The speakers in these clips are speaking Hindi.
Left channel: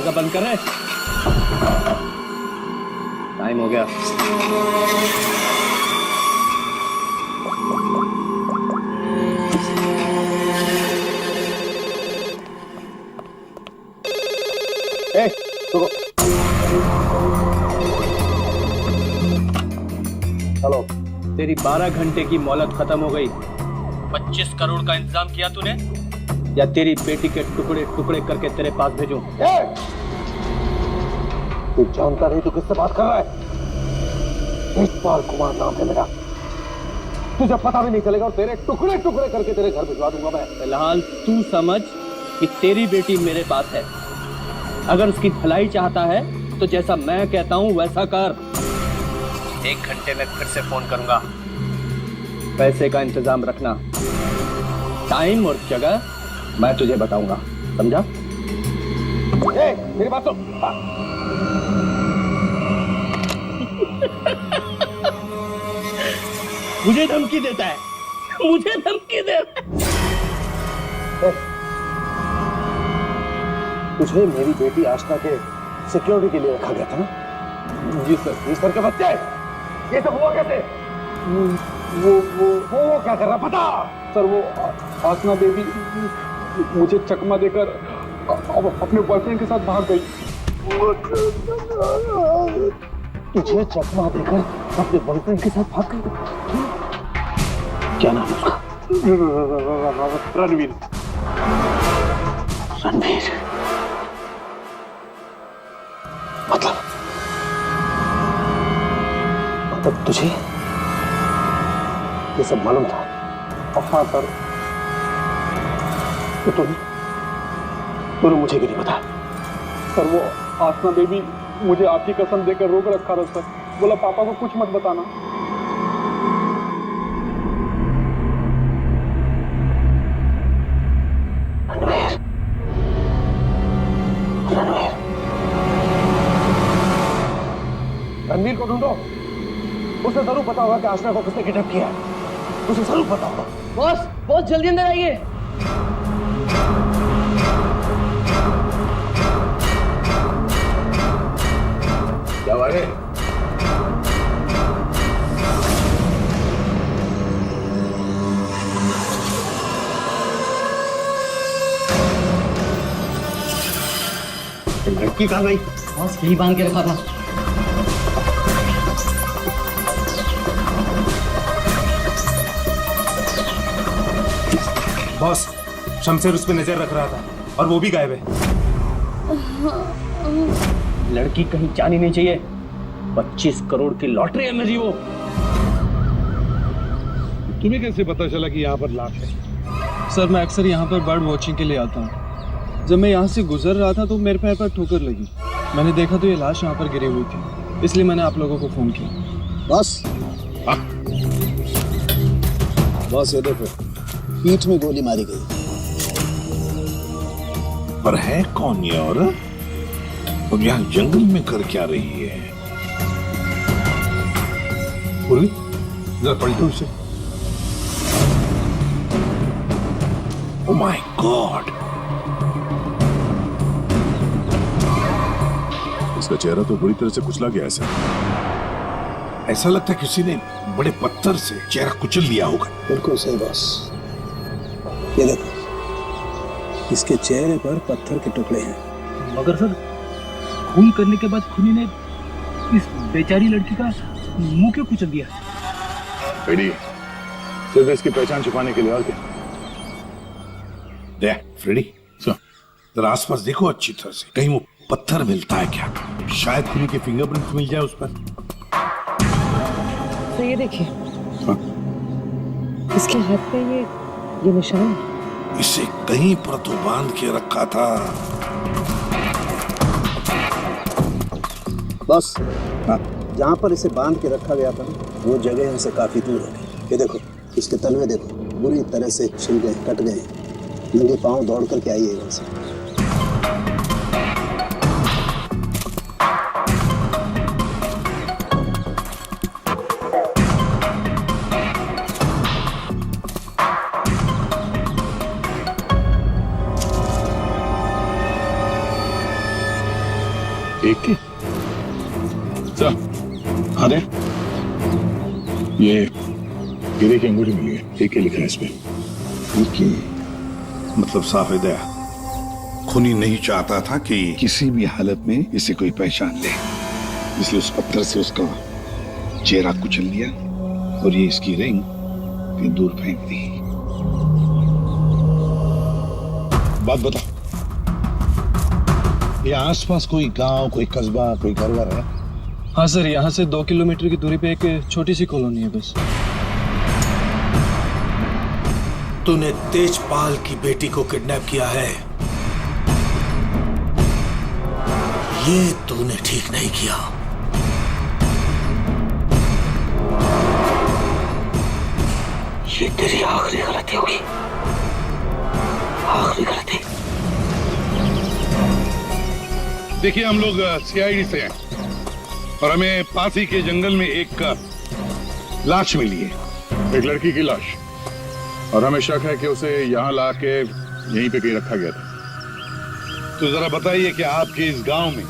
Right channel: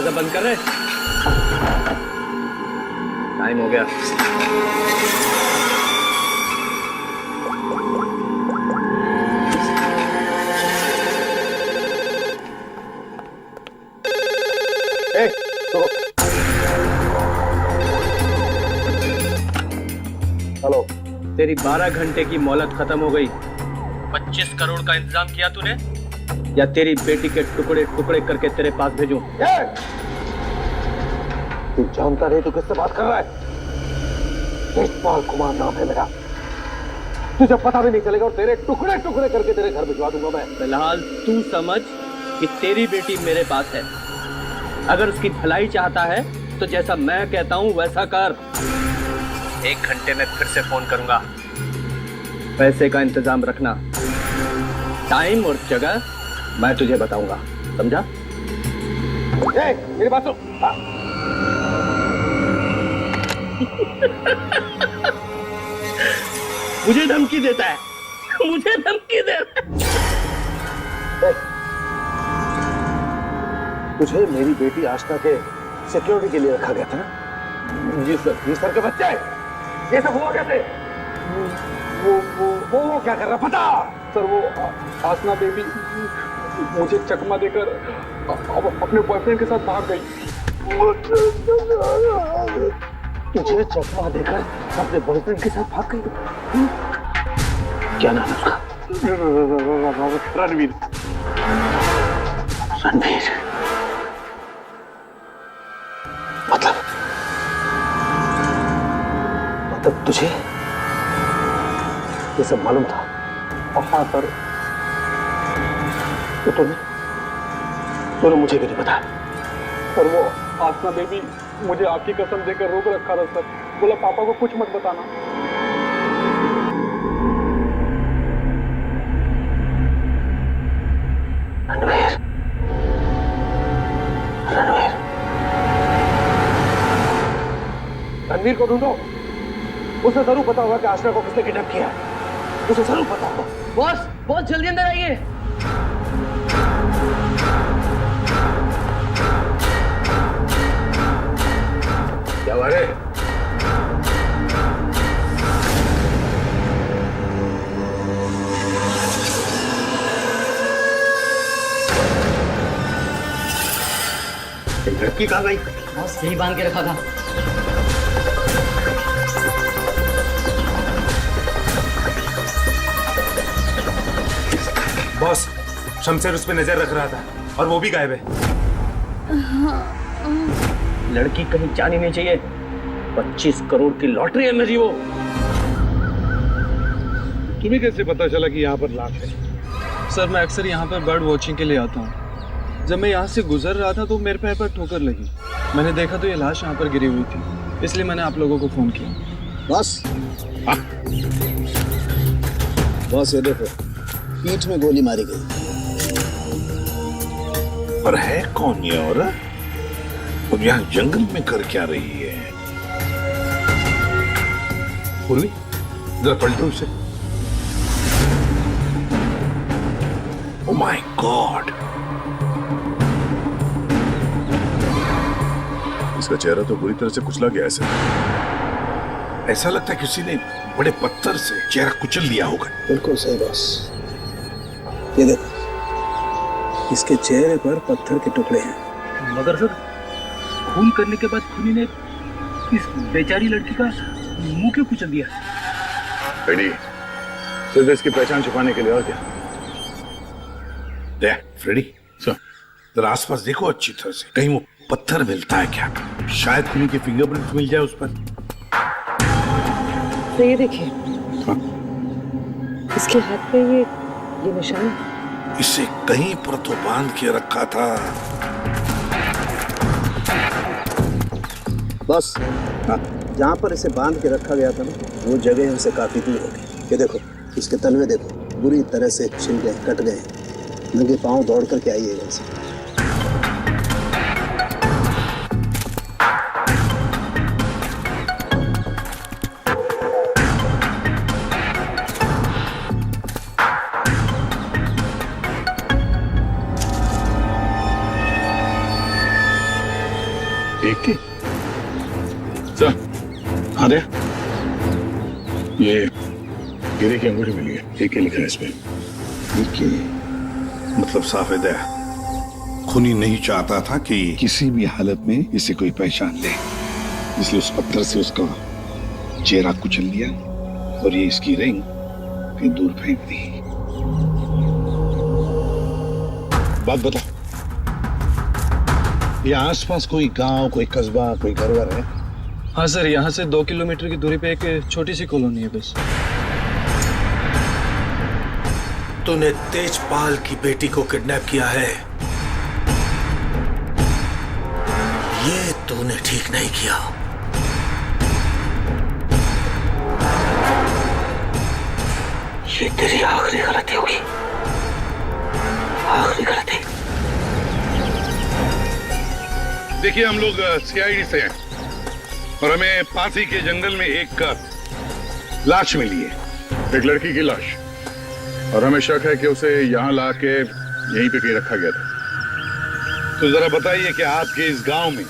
दरवाजा बंद कर रहे। टाइम हो गया। हेलो। तेरी 12 घंटे की मोहलत खत्म हो गई। 25 करोड़ का इंतजाम किया तूने, या तेरी बेटी के टुकड़े टुकड़े करके तेरे पास भेजूं? तू जानता नहीं तू किससे बात कर रहा है? तेजपाल कुमार नाम है मेरा। तुझे पता भी नहीं चलेगा और तेरे टुकड़े टुकड़े करके तेरे घर भिजवा दूंगा मैं। फिलहाल तू समझ कि तेरी बेटी मेरे पास है। अगर उसकी भलाई चाहता है तो जैसा मैं कहता हूं वैसा कर। 1 घंटे में फिर से फोन करूंगा। पैसे का इंतजाम रखना। टाइम और जगह मैं तुझे बताऊंगा, समझा? मेरी बात सुन। मुझे धमकी देता है, मुझे धमकी देता है। तुझे मेरी बेटी आशना के सिक्योरिटी के लिए रखा गया था ना? जी सर। जी सर के बच्चे, ये सब हुआ कैसे? वो क्या कर रहा पता? सर वो आसना बेबी मुझे चकमा देकर अब अपने बॉयफ्रेंड के साथ भाग गई। तुझे चकमा देकर अपने बॉयफ्रेंड के साथ भाग गई? क्या नाम है उसका? रणवीर। रणवीर मतलब तुझे ये सब मालूम था? हाँ सर। तो तूने मुझे क्यों नहीं बताया? सर वो आसना बेबी मुझे आपकी कसम देकर रोक रखा था सर। बोला पापा को कुछ मत बताना। रणवीर, रणवीर, रणवीर को ढूंढो। उसे जरूर पता होगा कि आशना को किसने किडनैप किया है। उसे जरूर पता होगा। बॉस, बॉस जल्दी अंदर आइए। क्या बात है? लड़की कहाँ गई? बॉस यही बांध के रखा था। बॉस, शमशेर उस पर नजर रख रहा था और वो भी गायब है। लड़की कहीं जानी नहीं चाहिए। 25 करोड़ की लॉटरी है मेरी। वो तुम्हें कैसे पता चला कि यहाँ पर लाश है? सर मैं अक्सर यहाँ पर बर्ड वॉचिंग के लिए आता हूँ। जब मैं यहाँ से गुजर रहा था तो मेरे पैर पर ठोकर लगी। मैंने देखा तो ये लाश यहाँ पर गिरी हुई थी, इसलिए मैंने आप लोगों को फोन किया। बस बस ये देखो, पीठ में गोली मारी गई। पर है कौन ये औरत? और यहाँ जंगल में कर क्या रही है? पूर्वी, जरा पलटो उसे। ओह माय गॉड, इसका चेहरा तो बुरी तरह से कुचला गया है। ऐसा लगता है किसी ने बड़े पत्थर से चेहरा कुचल लिया होगा। बिल्कुल सही बॉस। ये देखो, इसके चेहरे पर पत्थर के टुकड़े हैं। मगर सर, खून करने के बाद खूनी ने इस बेचारी लड़की का मुंह क्यों कुचल दिया? रेडी, सिर्फ इसकी पहचान छुपाने के लिए, और क्या? देख फ्रेडी, जरा आसपास देखो अच्छी तरह से, कहीं वो पत्थर मिलता है क्या? शायद खूनी के फिंगरप्रिंट मिल जाए उस पर। तो ये देखिए, इसके हाथ पे ये निशान है। इसे कहीं पर तो बांध के रखा था। बस जहाँ पर इसे बांध के रखा गया था ना, वो जगह हमसे काफी दूर होगी। ये देखो, इसके तलवे देखो, बुरी तरह से छिल गए, कट गए। नंगे पांव दौड़ करके आइएगा इसे। एक की सर, हाँ दे। ये गिरे की अंगूठी मिली है, एक के लिखा है इस पे। मतलब साफ है, खूनी नहीं चाहता था कि किसी भी हालत में इसे कोई पहचान ले, इसलिए उस पत्थर से उसका चेहरा कुचल लिया और ये इसकी रिंग कहीं दूर फेंक दी। बात बता, ये आसपास कोई गांव, कोई कस्बा, कोई घर है? हाँ सर, यहाँ से 2 किलोमीटर की दूरी पे एक छोटी सी कॉलोनी है बस। तूने तेजपाल की बेटी को किडनैप किया है, ये तूने ठीक नहीं किया। ये तेरी आखिरी गलती होगी, आखिरी गलती। देखिए, हम लोग सीआईडी से हैं और हमें पासी के जंगल में एक लाश मिली है, एक लड़की की लाश, और हमें शक है कि उसे यहाँ ला के यहीं पे कहीं रखा गया था। तो जरा बताइए कि आपके इस गांव में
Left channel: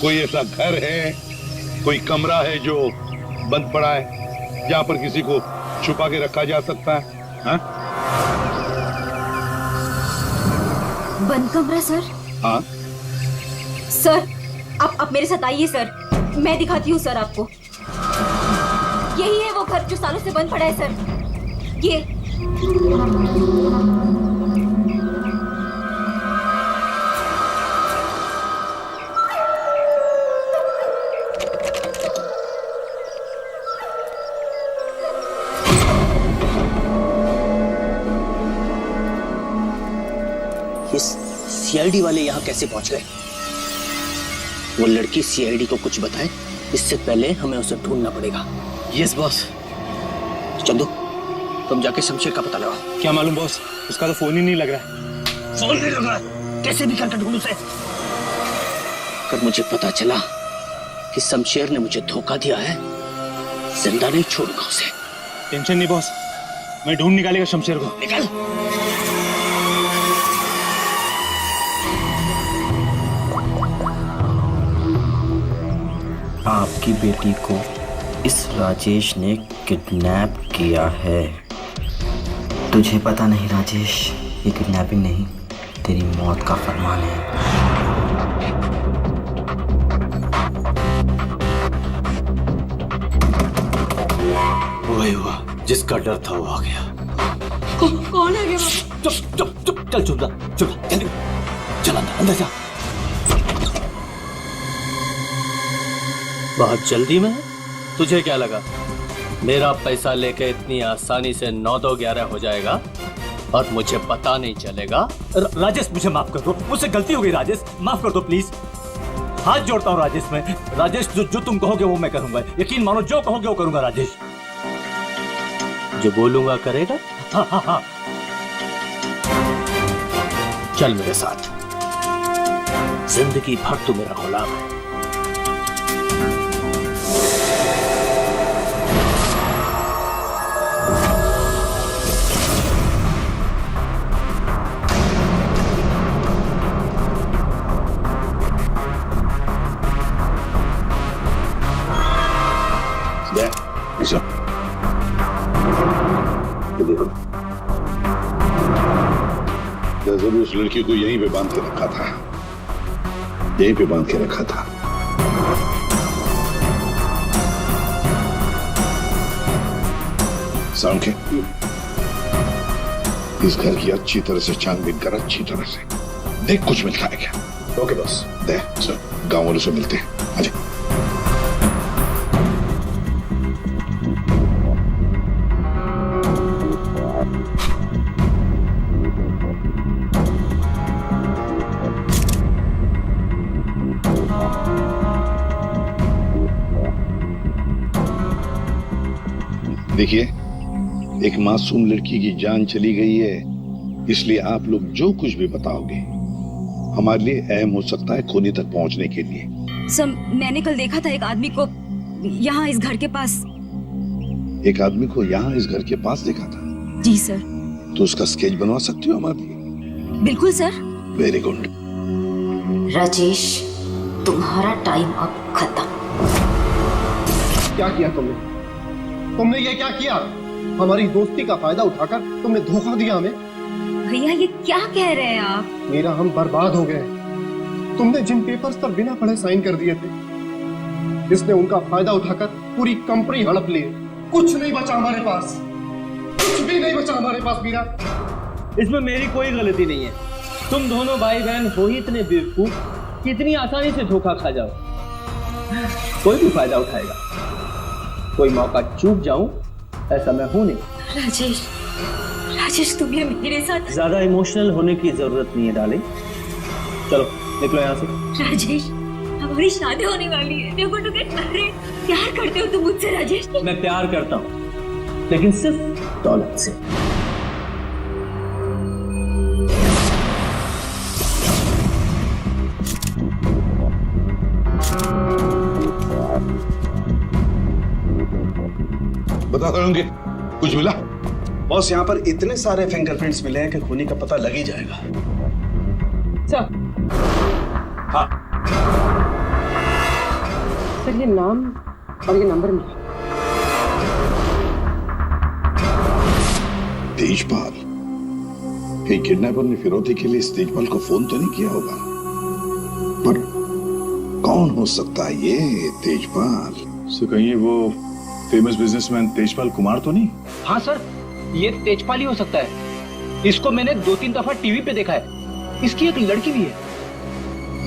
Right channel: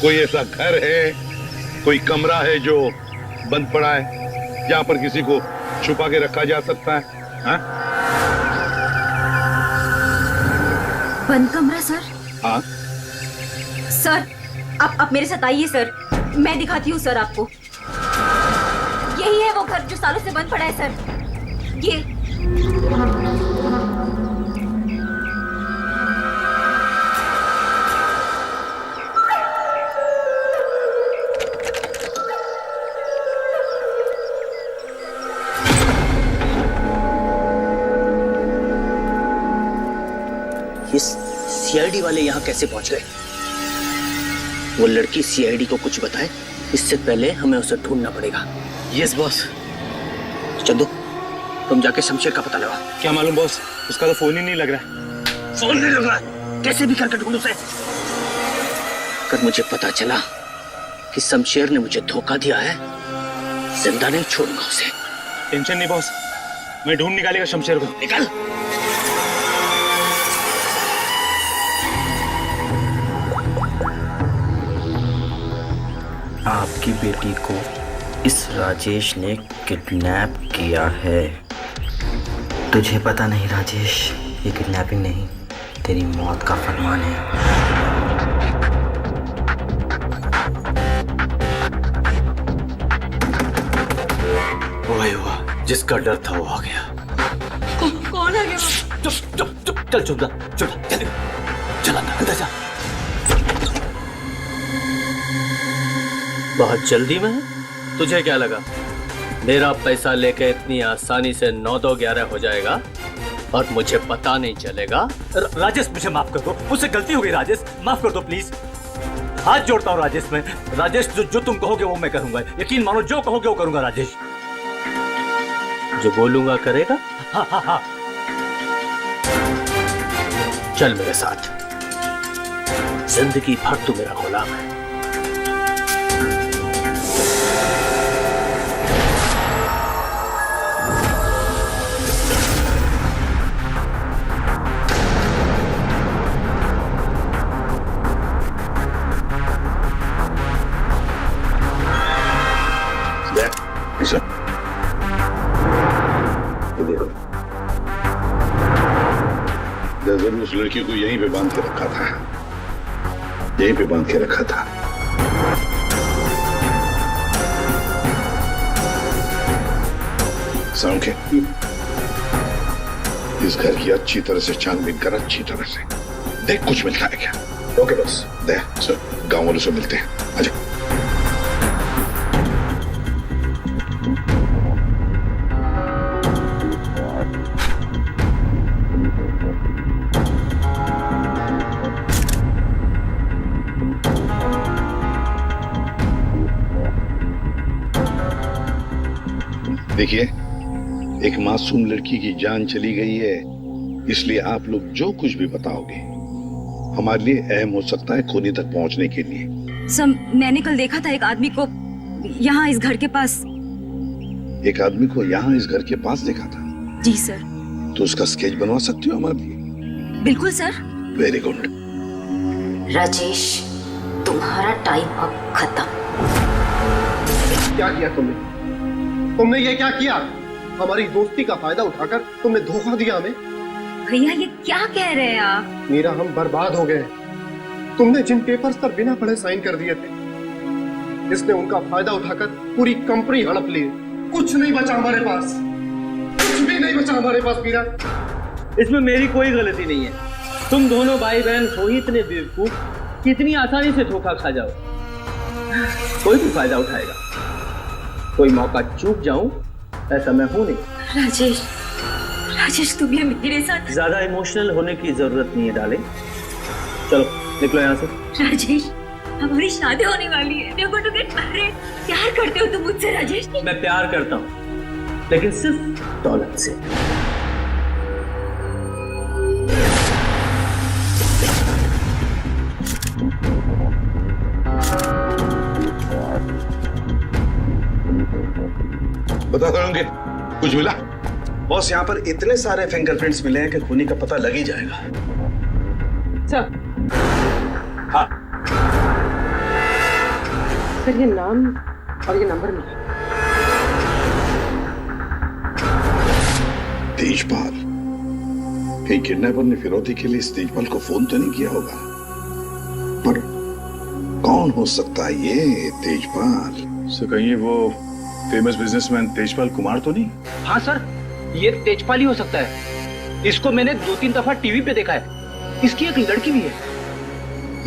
कोई ऐसा घर है, कोई कमरा है जो बंद पड़ा है, जहां पर किसी को छुपा के रखा जा सकता है? हाँ? बंद कमरा सर? हाँ सर, आप मेरे साथ आइए सर, मैं दिखाती हूँ सर आपको। यही है वो घर जो सालों से बंद पड़ा है सर, ये। सीआईडी वाले यहाँ कैसे पहुंच गए? वो लड़की सीआईडी को कुछ बताए, इससे पहले हमें उसे ढूंढना पड़ेगा। Yes boss. चंदू, तुम जाके शमशेर का पता लगाओ। क्या मालूम बॉस, उसका तो फोन ही नहीं लग रहा है। फोन नहीं लग रहा, कैसे भी करके ढूंढ उसे। अगर मुझे पता चला कि शमशेर ने मुझे धोखा दिया है, जिंदा नहीं छोड़ूंगा उसे। टेंशन नहीं बॉस, मैं ढूंढ निकालेगा शमशेर को। निकल। आपकी बेटी को इस राजेश ने किडनैप किया है। तुझे पता नहीं राजेश, ये किडनैपिंग नहीं, तेरी मौत का फरमान है। वही हुआ, जिसका डर था वो आ गया। कौन आ गया? चुप चुप चुप, चल चुप जा, जल्दी चल अंदर जा। बहुत जल्दी में? तुझे क्या लगा मेरा पैसा लेके इतनी आसानी से 9-2-11 हो जाएगा और मुझे पता नहीं चलेगा? राजेश, मुझे माफ कर दो, मुझसे गलती हो गई राजेश, माफ कर दो प्लीज। हाथ जोड़ता हूँ राजेश मैं। राजेश, जो तुम कहोगे वो मैं करूंगा, यकीन मानो, जो कहोगे वो करूंगा राजेश। जो बोलूंगा करेगा? हाँ हाँ हाँ। चल मेरे साथ, जिंदगी भर तू मेरा गुलाम है। ये देखो, जरूर उस लड़की को यहीं पे बांध के रखा था, यहीं पे बांध के रखा था। साउंड के इस घर की अच्छी तरह से छानबीन कर, अच्छी तरह से देख कुछ मिलता है क्या। Okay boss. दे गांव वालों से मिलते हैं, आजा। देखिए, एक मासूम लड़की की जान चली गई है, इसलिए आप लोग जो कुछ भी बताओगे हमारे लिए अहम हो सकता है खूनी तक पहुंचने के लिए। सर, मैंने कल देखा था एक आदमी को यहाँ इस घर के पास। एक आदमी को यहाँ इस घर के पास देखा था? जी सर। तो उसका स्केच बनवा सकती हो हमारे लिए? बिल्कुल सर। Very good. राजेश, तुम्हारा टाइम अब खत्म। क्या किया तुमने? तुमने ये क्या किया? हमारी दोस्ती का फायदा उठाकर तुमने धोखा दिया हमें। भैया ये क्या कह रहे हैं आप? मीरा, हम बर्बाद हो गए। तुमने जिन पेपर्स पर बिना पढ़े साइन कर दिए थे, इसने उनका फायदा उठाकर पूरी कंपनी हड़प ली। कुछ नहीं बचा हमारे पास, कुछ भी नहीं बचा हमारे पास मीरा। इसमें मेरी कोई गलती नहीं है। तुम दोनों भाई बहन हो ही इतने बेवकूफ कि इतनी आसानी से धोखा खा जाओ। कोई भी फायदा उठाएगा, कोई मौका चूक जाऊं ऐसा मैं हूं नहीं। राजेश, राजेश तुम ये मेरे साथ। ज्यादा इमोशनल होने की जरूरत नहीं है डार्लिंग। चलो निकलो यहाँ से। राजेश, हमारी शादी होने वाली है। We're going to get married। प्यार करते हो तुम मुझसे राजेश? मैं प्यार करता हूँ, लेकिन सिर्फ दौलत से। बता दोगे कुछ मिला? बॉस, यहाँ पर इतने सारे फिंगरप्रिंट्स मिले हैं कि खूनी का पता लग ही जाएगा। सर, हाँ सर ये नाम और ये नंबर मिला। तेजपाल, कहीं किडनैपर ने फिरौती के लिए इस तेजपाल को फोन तो नहीं किया होगा? पर कौन हो सकता है ये तेजपाल? सो कहीं वो फेमस बिजनेसमैन तेजपाल कुमार तो नहीं? हाँ सर, ये तेजपाल ही हो सकता है। इसको मैंने 2-3 दफा टीवी पे देखा है। इसकी एक लड़की भी है।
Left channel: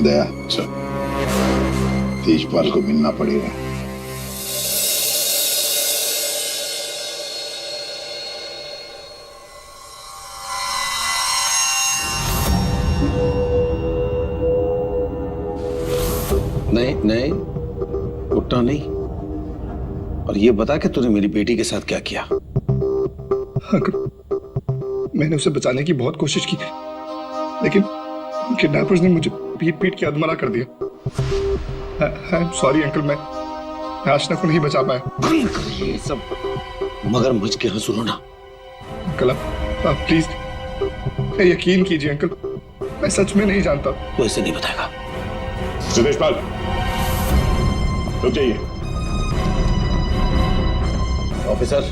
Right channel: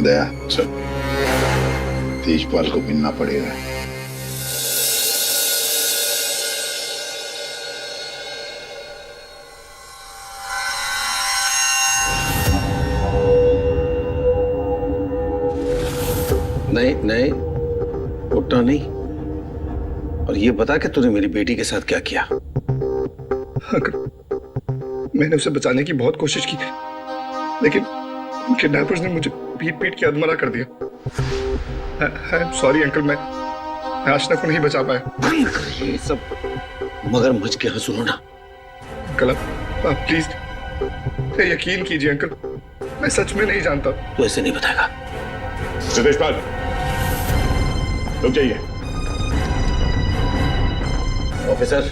दया, चल तेजपाल को मिलना पड़ेगा। नहीं नहीं, उठना नहीं। और ये बता कि तूने मेरी बेटी के साथ क्या किया? मैंने उसे बचाने की बहुत कोशिश की, लेकिन किडनैपर्स ने मुझे पीट पीट के अधमरा कर दिया। आई एम सॉरी अंकल, मैं आशना को नहीं बचा पाया। ये सब मगरमच्छ के यहाँ सुनो ना। अंकल आप प्लीज यकीन कीजिए अंकल, मैं सच में नहीं जानता। तू ऐसे नहीं बताएगा। तेजपाल रुक जाइए। ऑफिसर,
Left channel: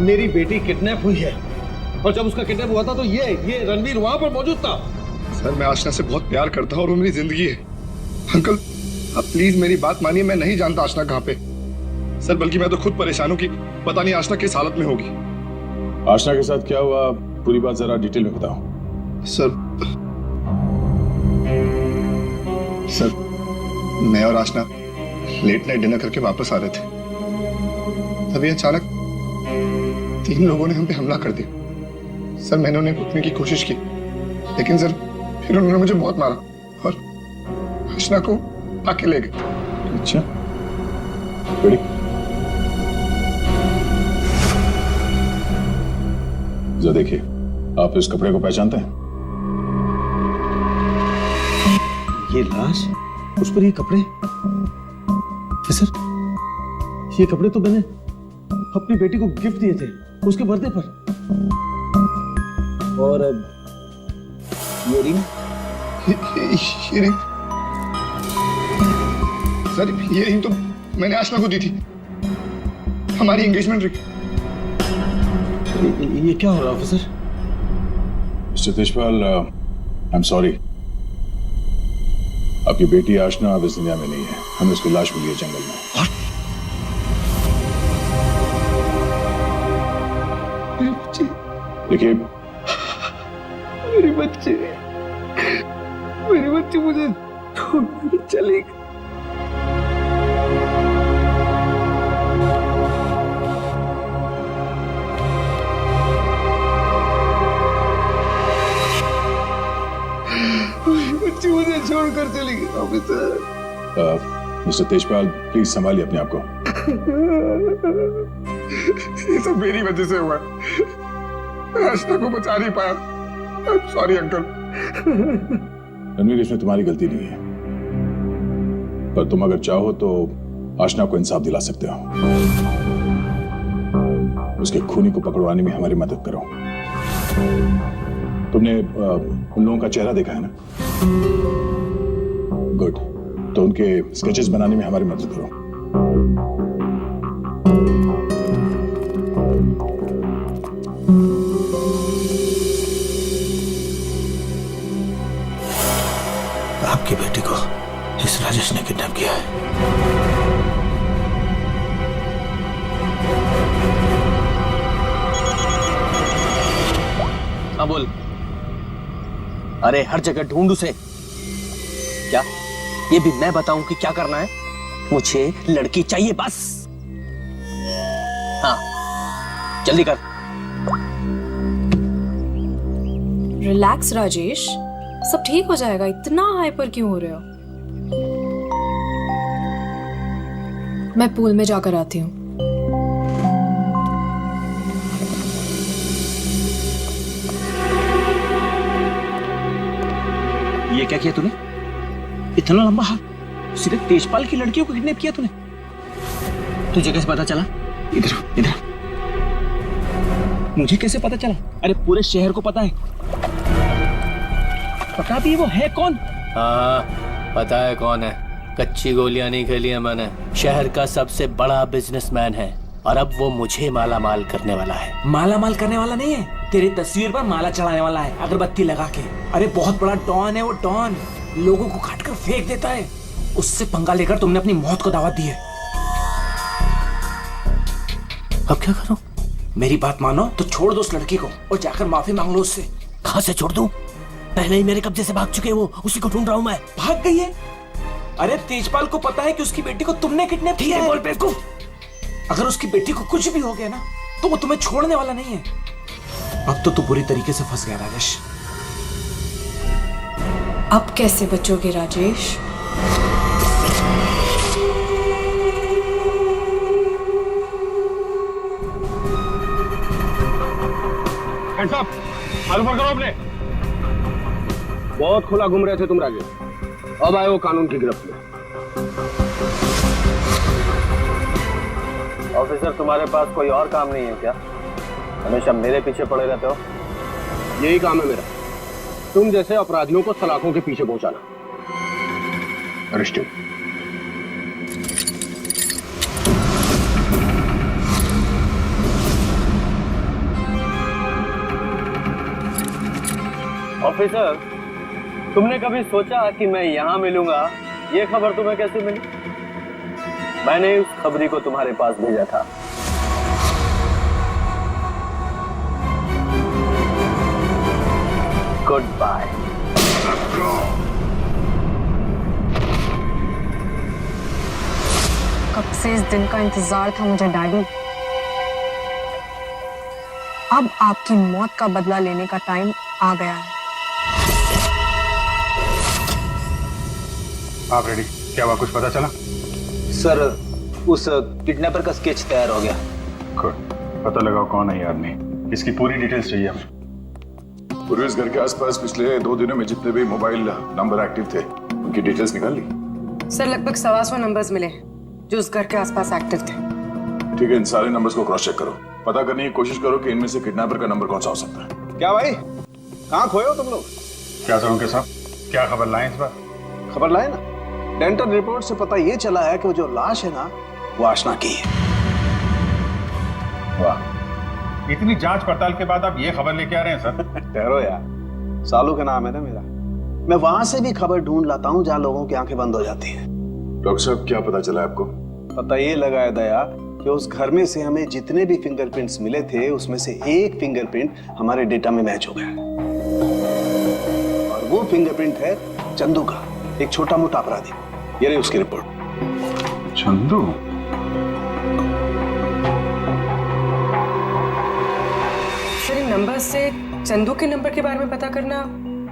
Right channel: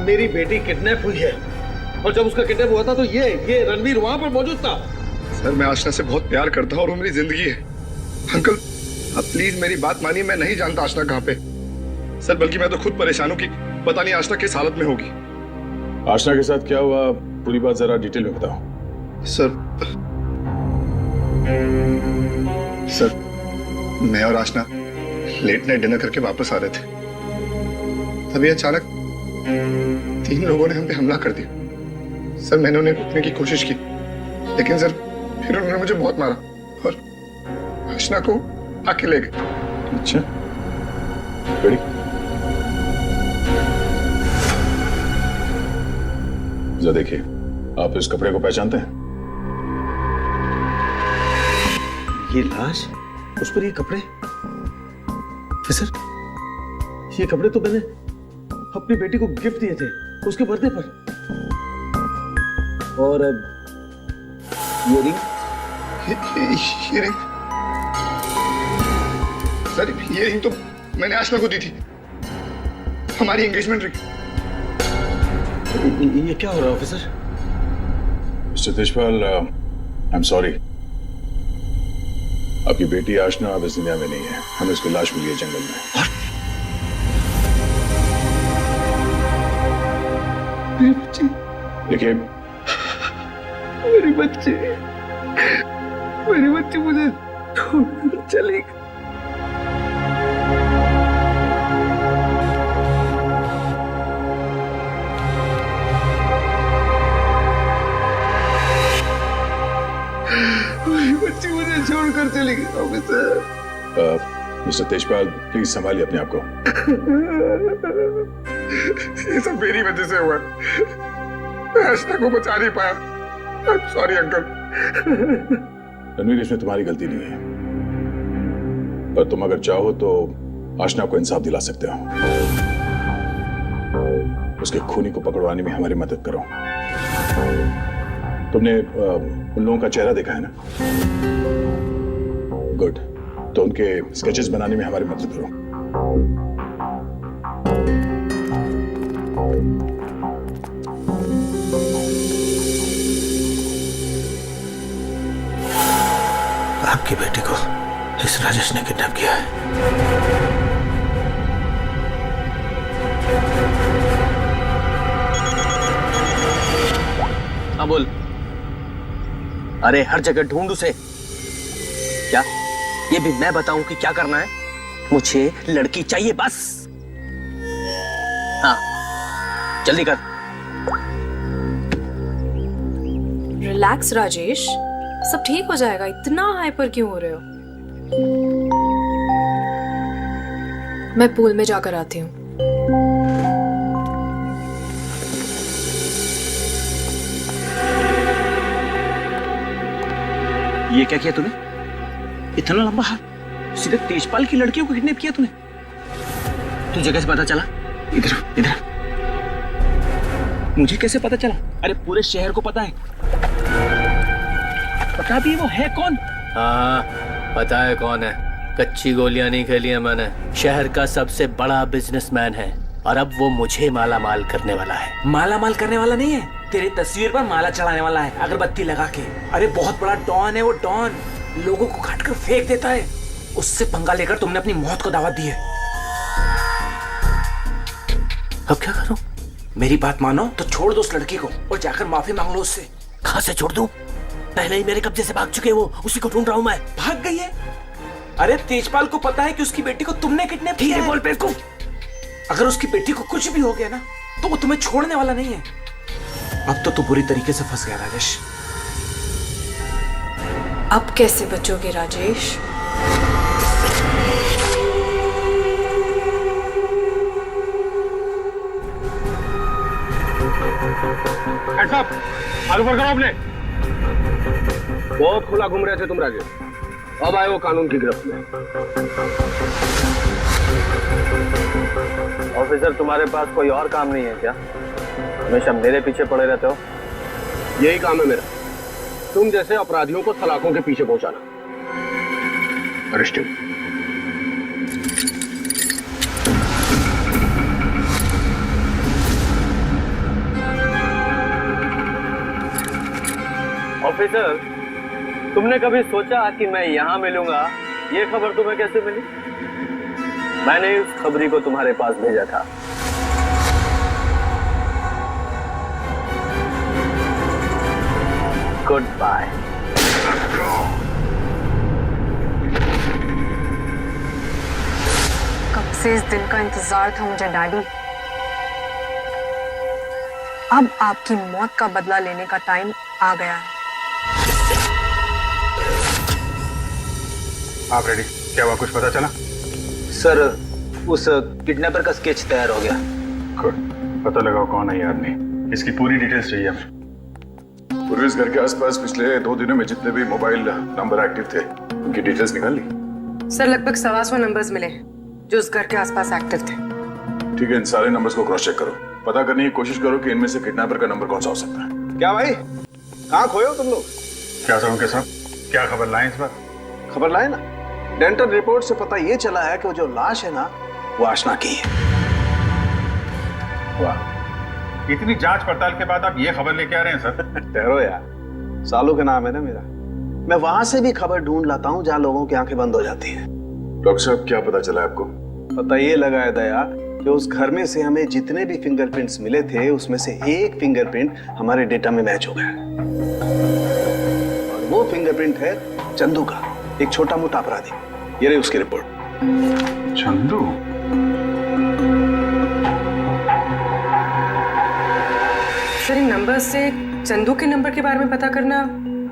मेरी बेटी किडनैप हुई है, और जब उसका किडनैप हुआ था तो ये रणवीर वहां पर मौजूद था। सर मैं आशना से बहुत प्यार करता हूँ और वो मेरी जिंदगी है। अंकल आप प्लीज मेरी बात मानिए, मैं नहीं जानता आशना कहाँ पे। सर बल्कि मैं तो खुद परेशान हूँ कि पता नहीं आशना किस हालत में होगी। आशना के साथ क्या हुआ, पूरी बात जरा डिटेल में बताओ। सर मैं और आशना लेट नाइट डिनर करके वापस आ रहे थे, तभी अचानक 3 लोगों ने हम पे हमला कर दिया। सर मैंने उन्हें रोकने की कोशिश की, लेकिन सर फिर उन्होंने मुझे बहुत मारा और आशना को आके ले गए। अच्छा बड़ी जरा देखिए, आप इस कपड़े को पहचानते हैं? ये लाश, उस पर ये कपड़े। सर ये कपड़े तो मैंने अपनी बेटी को गिफ्ट दिए थे उसके बर्थडे पर। और ये रिंग, सर ये रिंग तो मैंने आशना को दी थी, हमारी एंगेजमेंट रिंग। ये क्या हो रहा है officer? Mister Tejpal, I am sorry, आपकी बेटी आशना अब इस दुनिया में नहीं है। हमें उसकी लाश मिली है जंगल में। मेरी बच्ची, देखिए मेरी बच्ची मुझे छोड़कर चली गई। मेरी बच्ची मुझे छोड़कर चली गई ऑफिसर। मिस्टर तेजपाल प्लीज संभालिए अपने आप को। ये सब मेरी वजह से हुआ, मैं आशना को बचा नहीं पाया। Sorry uncle. रणवीर, इसमें तुम्हारी गलती नहीं है, पर तुम अगर चाहो तो आशना को इंसाफ दिला सकते हो। उसके खूनी को पकड़वाने में हमारी मदद करो। तुमने उन लोगों का चेहरा देखा है ना? गुड, तो उनके स्केचेस बनाने में हमारी मदद करो। आपकी बेटी को इस राजेश ने किडनैप किया है। हाँ बोल। अरे हर जगह ढूंढ उसे। क्या ये भी मैं बताऊं कि क्या करना है? मुझे लड़की चाहिए बस। हाँ जल्दी कर। रिलैक्स राजेश, सब ठीक हो जाएगा। इतना हाइपर क्यों हो रहे हो? मैं पूल में जाकर आती हूँ। ये क्या किया तूने? इतना लंबा हाथ, सीधे तेजपाल की लड़कियों को किडनैप किया तूने? तुझे कैसे पता चला? इधर इधर। मुझे कैसे पता चला? अरे पूरे शहर को पता है। पता भी वो है कौन? हाँ पता है कौन है। कच्ची गोलियां नहीं खेली है मैंने। शहर का सबसे बड़ा बिजनेसमैन है और अब वो मुझे माला माल करने वाला है। माला माल करने वाला नहीं है, तेरी तस्वीर पर माला चढ़ाने वाला है, अगरबत्ती लगा के। अरे बहुत बड़ा डॉन है वो, डॉन। लोगों को काट कर फेंक देता है। उससे पंगा लेकर तुमने अपनी मौत को दावत दी है। अब क्या करूं? मेरी बात मानो तो छोड़ दो उस लड़की को और जाकर माफी मांग लो उससे। कहां से छोड़ दूं? पहले ही मेरे कब्जे से भाग चुके हैं वो, उसी को ढूंढ रहा हूं मैं। भाग गई है? अरे तेजपाल को पता है कि उसकी बेटी को तुमने किडनैप किया है। बोल बेवकूफ। अगर उसकी बेटी को कुछ भी हो गया ना तो वो तुम्हें छोड़ने वाला नहीं है। अब तो तू बुरी तरीके से फंस गया राजेश। अब कैसे बचोगे राजेश? हैंड्स अप, हाथ ऊपर करो अपने। बहुत खुला घूम रहे थे तुम राजेश, अब आए हो कानून की गिरफ्त में। ऑफिसर तुम्हारे पास कोई और काम नहीं है क्या? हमेशा मेरे पीछे पड़े रहते हो। यही काम है मेरा, तुम जैसे अपराधियों को सलाखों के पीछे पहुंचाना। अरेस्टिंग। ऑफिसर, तुमने कभी सोचा कि मैं यहां मिलूंगा? ये खबर तुम्हें कैसे मिली? मैंने उस खबरी को तुम्हारे पास भेजा था। Good bye. कब से इस दिन का इंतजार था मुझे डैडी। अब आपकी मौत का बदला लेने का टाइम आ गया है। आप रेडी? क्या हुआ, कुछ पता चला? सर उस किडनैपर का स्केच तैयार हो गया। गुड, पता लगाओ कौन है ये आदमी। इसकी पूरी डिटेल्स चाहिए हमें। पूरे इस घर के आसपास पिछले 2 दिनों में जितने भी मोबाइल नंबर एक्टिव थे उनकी डिटेल्स निकाल ली? सर लगभग 125 नंबर्स मिले जो उस घर के आसपास एक्टिव थे। ठीक है, इन सारे नंबर्स को क्रॉस चेक करो, पता करने की कोशिश करो कि इनमें से किडनैपर का नंबर कौन सा हो सकता है। क्या भाई, कहाँ खोए हो तुम लोग? क्या सर उनके साहब, क्या खबर लाए इस बार? खबर लाए ना, डेंटल रिपोर्ट से पता ये चला है कि वो जो लाश है ना वो आशना की है। वाह, इतनी जांच पड़ताल के बाद आप ये खबर लेके आ रहे हैं सर? ठहरो यार, सालू के नाम है ना मेरा। मैं वहां से भी खबर ढूंढ लाता हूँ जहाँ लोगों की आंखें बंद हो जाती हैं। डॉक्टर साहब क्या पता चला आपको? पता ये लगा है दया कि उस घर में से हमें जितने भी फिंगरप्रिंट्स मिले थे उसमें से एक फिंगरप्रिंट हमारे डेटा में मैच हो गया, और वो फिंगरप्रिंट है चंदू का, एक छोटा मोटा अपराधी। ये रही उसकी रिपोर्ट। चंदू? सर इन नंबर से चंदू के नंबर के बारे में पता करना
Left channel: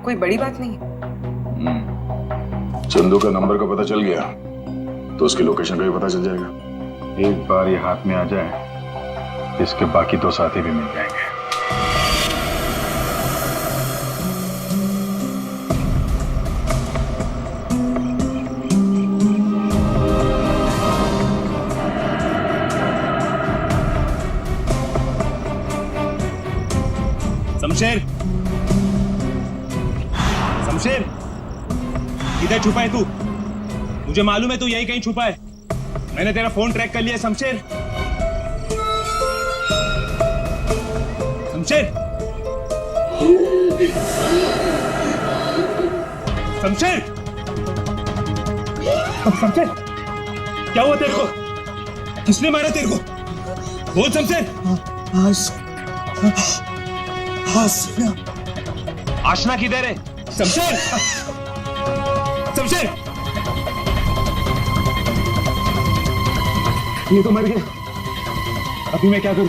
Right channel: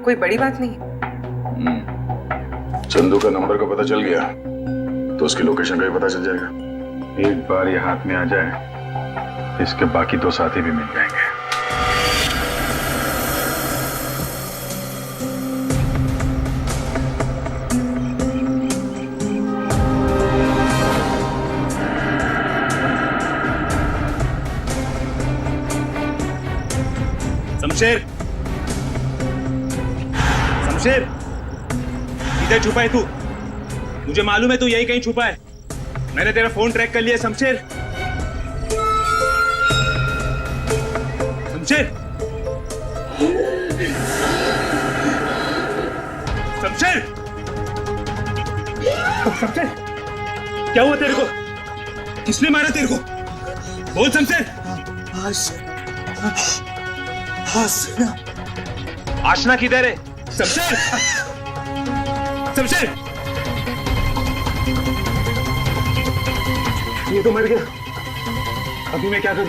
कोई बड़ी बात नहीं है। चंदू का नंबर का पता चल गया तो उसकी लोकेशन का भी पता चल जाएगा। एक बार ये हाथ में आ जाए इसके बाकी 2 साथी भी मिल जाएंगे। शमशेर, शमशेर, इधर छुपा है तू? मुझे मालूम है तू यही कहीं छुपा है। मैंने तेरा फोन ट्रैक कर लिया शमशेर। शमशेर, शमशेर, शमशेर, क्या हुआ तेरे को? किसने मारा तेरे को? बोल शमशेर। आशना किधर है? शमशेर, शमशेर, ये तो मर गया। अभी मैं क्या करूं?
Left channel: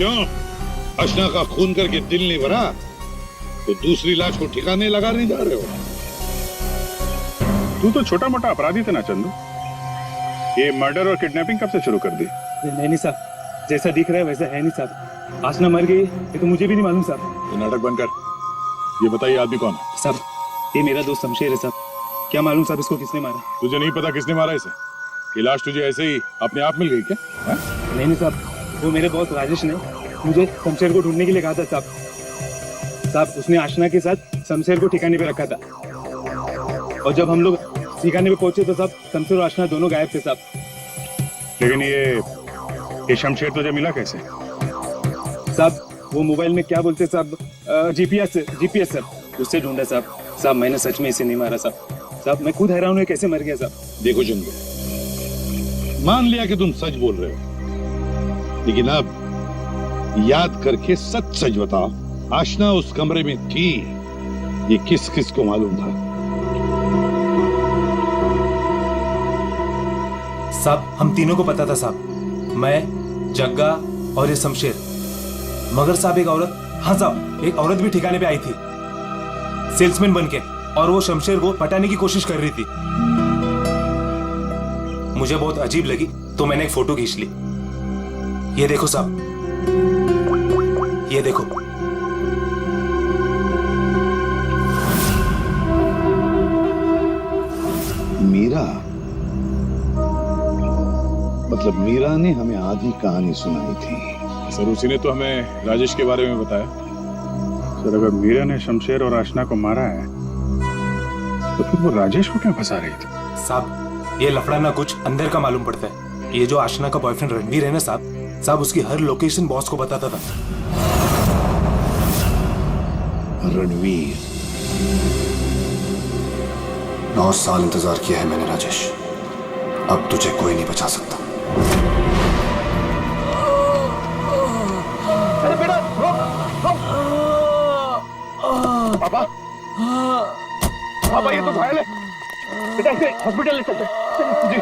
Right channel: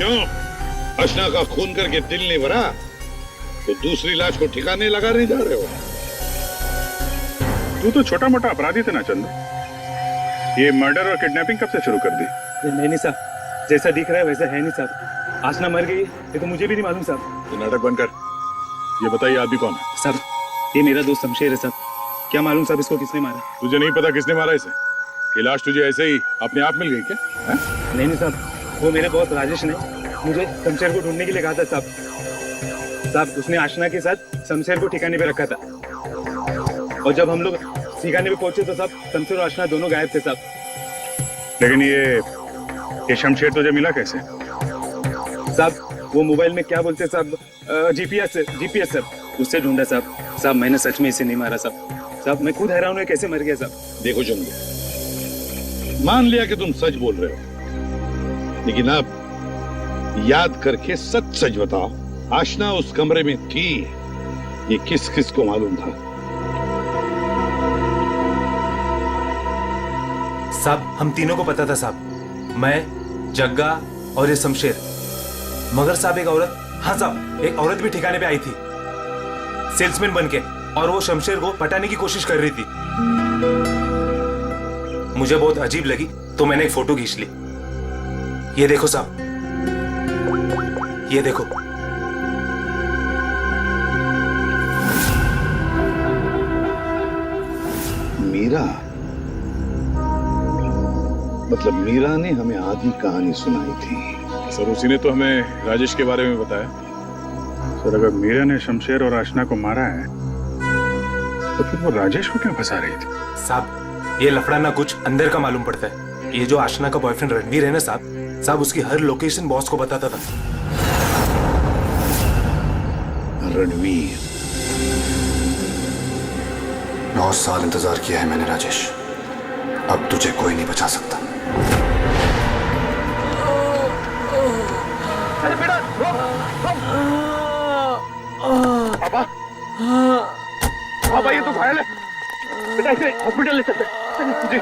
क्यों? अशना का खून करके दिल नहीं भरा तो दूसरी लाश को ठिकाने लगाने जा रहे हो? तू तो छोटा मोटा अपराधी थे ना चंदू। ये मर्डर और किडनैपिंग कब से शुरू कर दी? नहीं साहब, जैसा दिख रहा है वैसा है नहीं साहब। आशना मर गई ये तो मुझे भी नहीं मालूम साहब। ये नाटक बंद कर। ये बताइए आदमी कौन है? साहब, ये मेरा दोस्त शमशेर है साहब। क्या मालूम साहब इसको किसने मारा? तुझे नहीं पता किसने मारा इसे? ये लाश तुझे ऐसे ही अपने आप मिल गई क्या? है? नहीं साहब, वो मेरे बॉस राजेश ने मुझे शमशेर को ढूंढने के लिए कहा था साहब। साहब, उसने आशना के साथ शमशेर को ठिकाने पे रखा था और जब हम लोग ठिकाने पे पहुंचे तो साहब शमशेर और आशना दोनों गायब थे साहब। लेकिन ये शमशेर तुझे मिला कैसे? साहब, वो मोबाइल में क्या बोलते साहब, जीपीएस सर, उससे ढूंढा साहब। साहब, मैंने सच में इसे नहीं मारा साहब। साहब, मैं खुद हैरान हूँ कैसे मर गया साहब। देखो चंदू, मान लिया कि तुम सच बोल रहे हो, लेकिन अब याद करके सच सच बताओ, आशना उस कमरे में थी, ये किस किस को मालूम था? साहब, हम तीनों को पता था साहब, मैं, जग्गा और ये शमशेर। मगर साहब, एक औरत, हाँ साहब, एक औरत भी ठिकाने पे आई थी सेल्समैन बनके, और वो शमशेर को पटाने की कोशिश कर रही थी। मुझे बहुत अजीब लगी तो मैंने एक फोटो खींच ली। ये देखो साहब, ये देखो। मीरा, मतलब मीरा ने हमें आधी कहानी सुनाई थी। सर, उसी ने तो हमें राजेश के बारे में बताया। सर, अगर मीरा ने शमशेर और आशना को मारा है तो फिर वो राजेश को क्यों फंसा रही थी? साहब, ये लफड़ा ना कुछ अंदर का मालूम पड़ता है। ये जो आशना का बॉयफ्रेंड रणवीर है ना साहब, उसकी हर लोकेशन बॉस को बताता था। रणवीर, 9 साल इंतजार किया है मैंने राजेश, अब तुझे कोई नहीं बचा सकता। अरे बेटा, पापा, पापा, ये तो घायल है बेटा, इसे हॉस्पिटल ले चलते हैं। जी।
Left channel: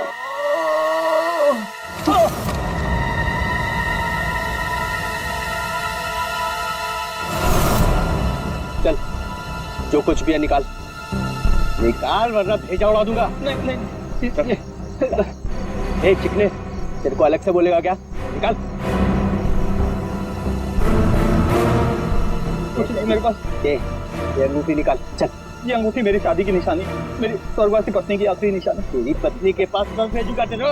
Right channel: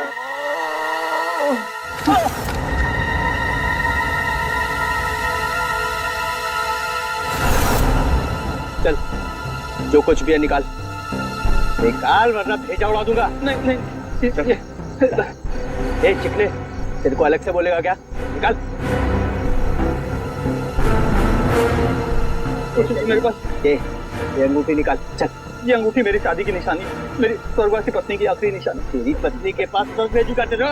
चल, जो कुछ भी है निकाल वरना भेजा उड़ा दूंगा। नहीं। ए चिकने, तेरे को अलग से बोलेगा क्या? निकाल। कुछ नहीं मेरे पास। ये अंगूठी निकाल। चल। ये अंगूठी मेरी शादी की निशानी, मेरी स्वर्गवासी पत्नी की आखिरी निशानी। तेरी पत्नी के पास सब भेजूगा तेरे।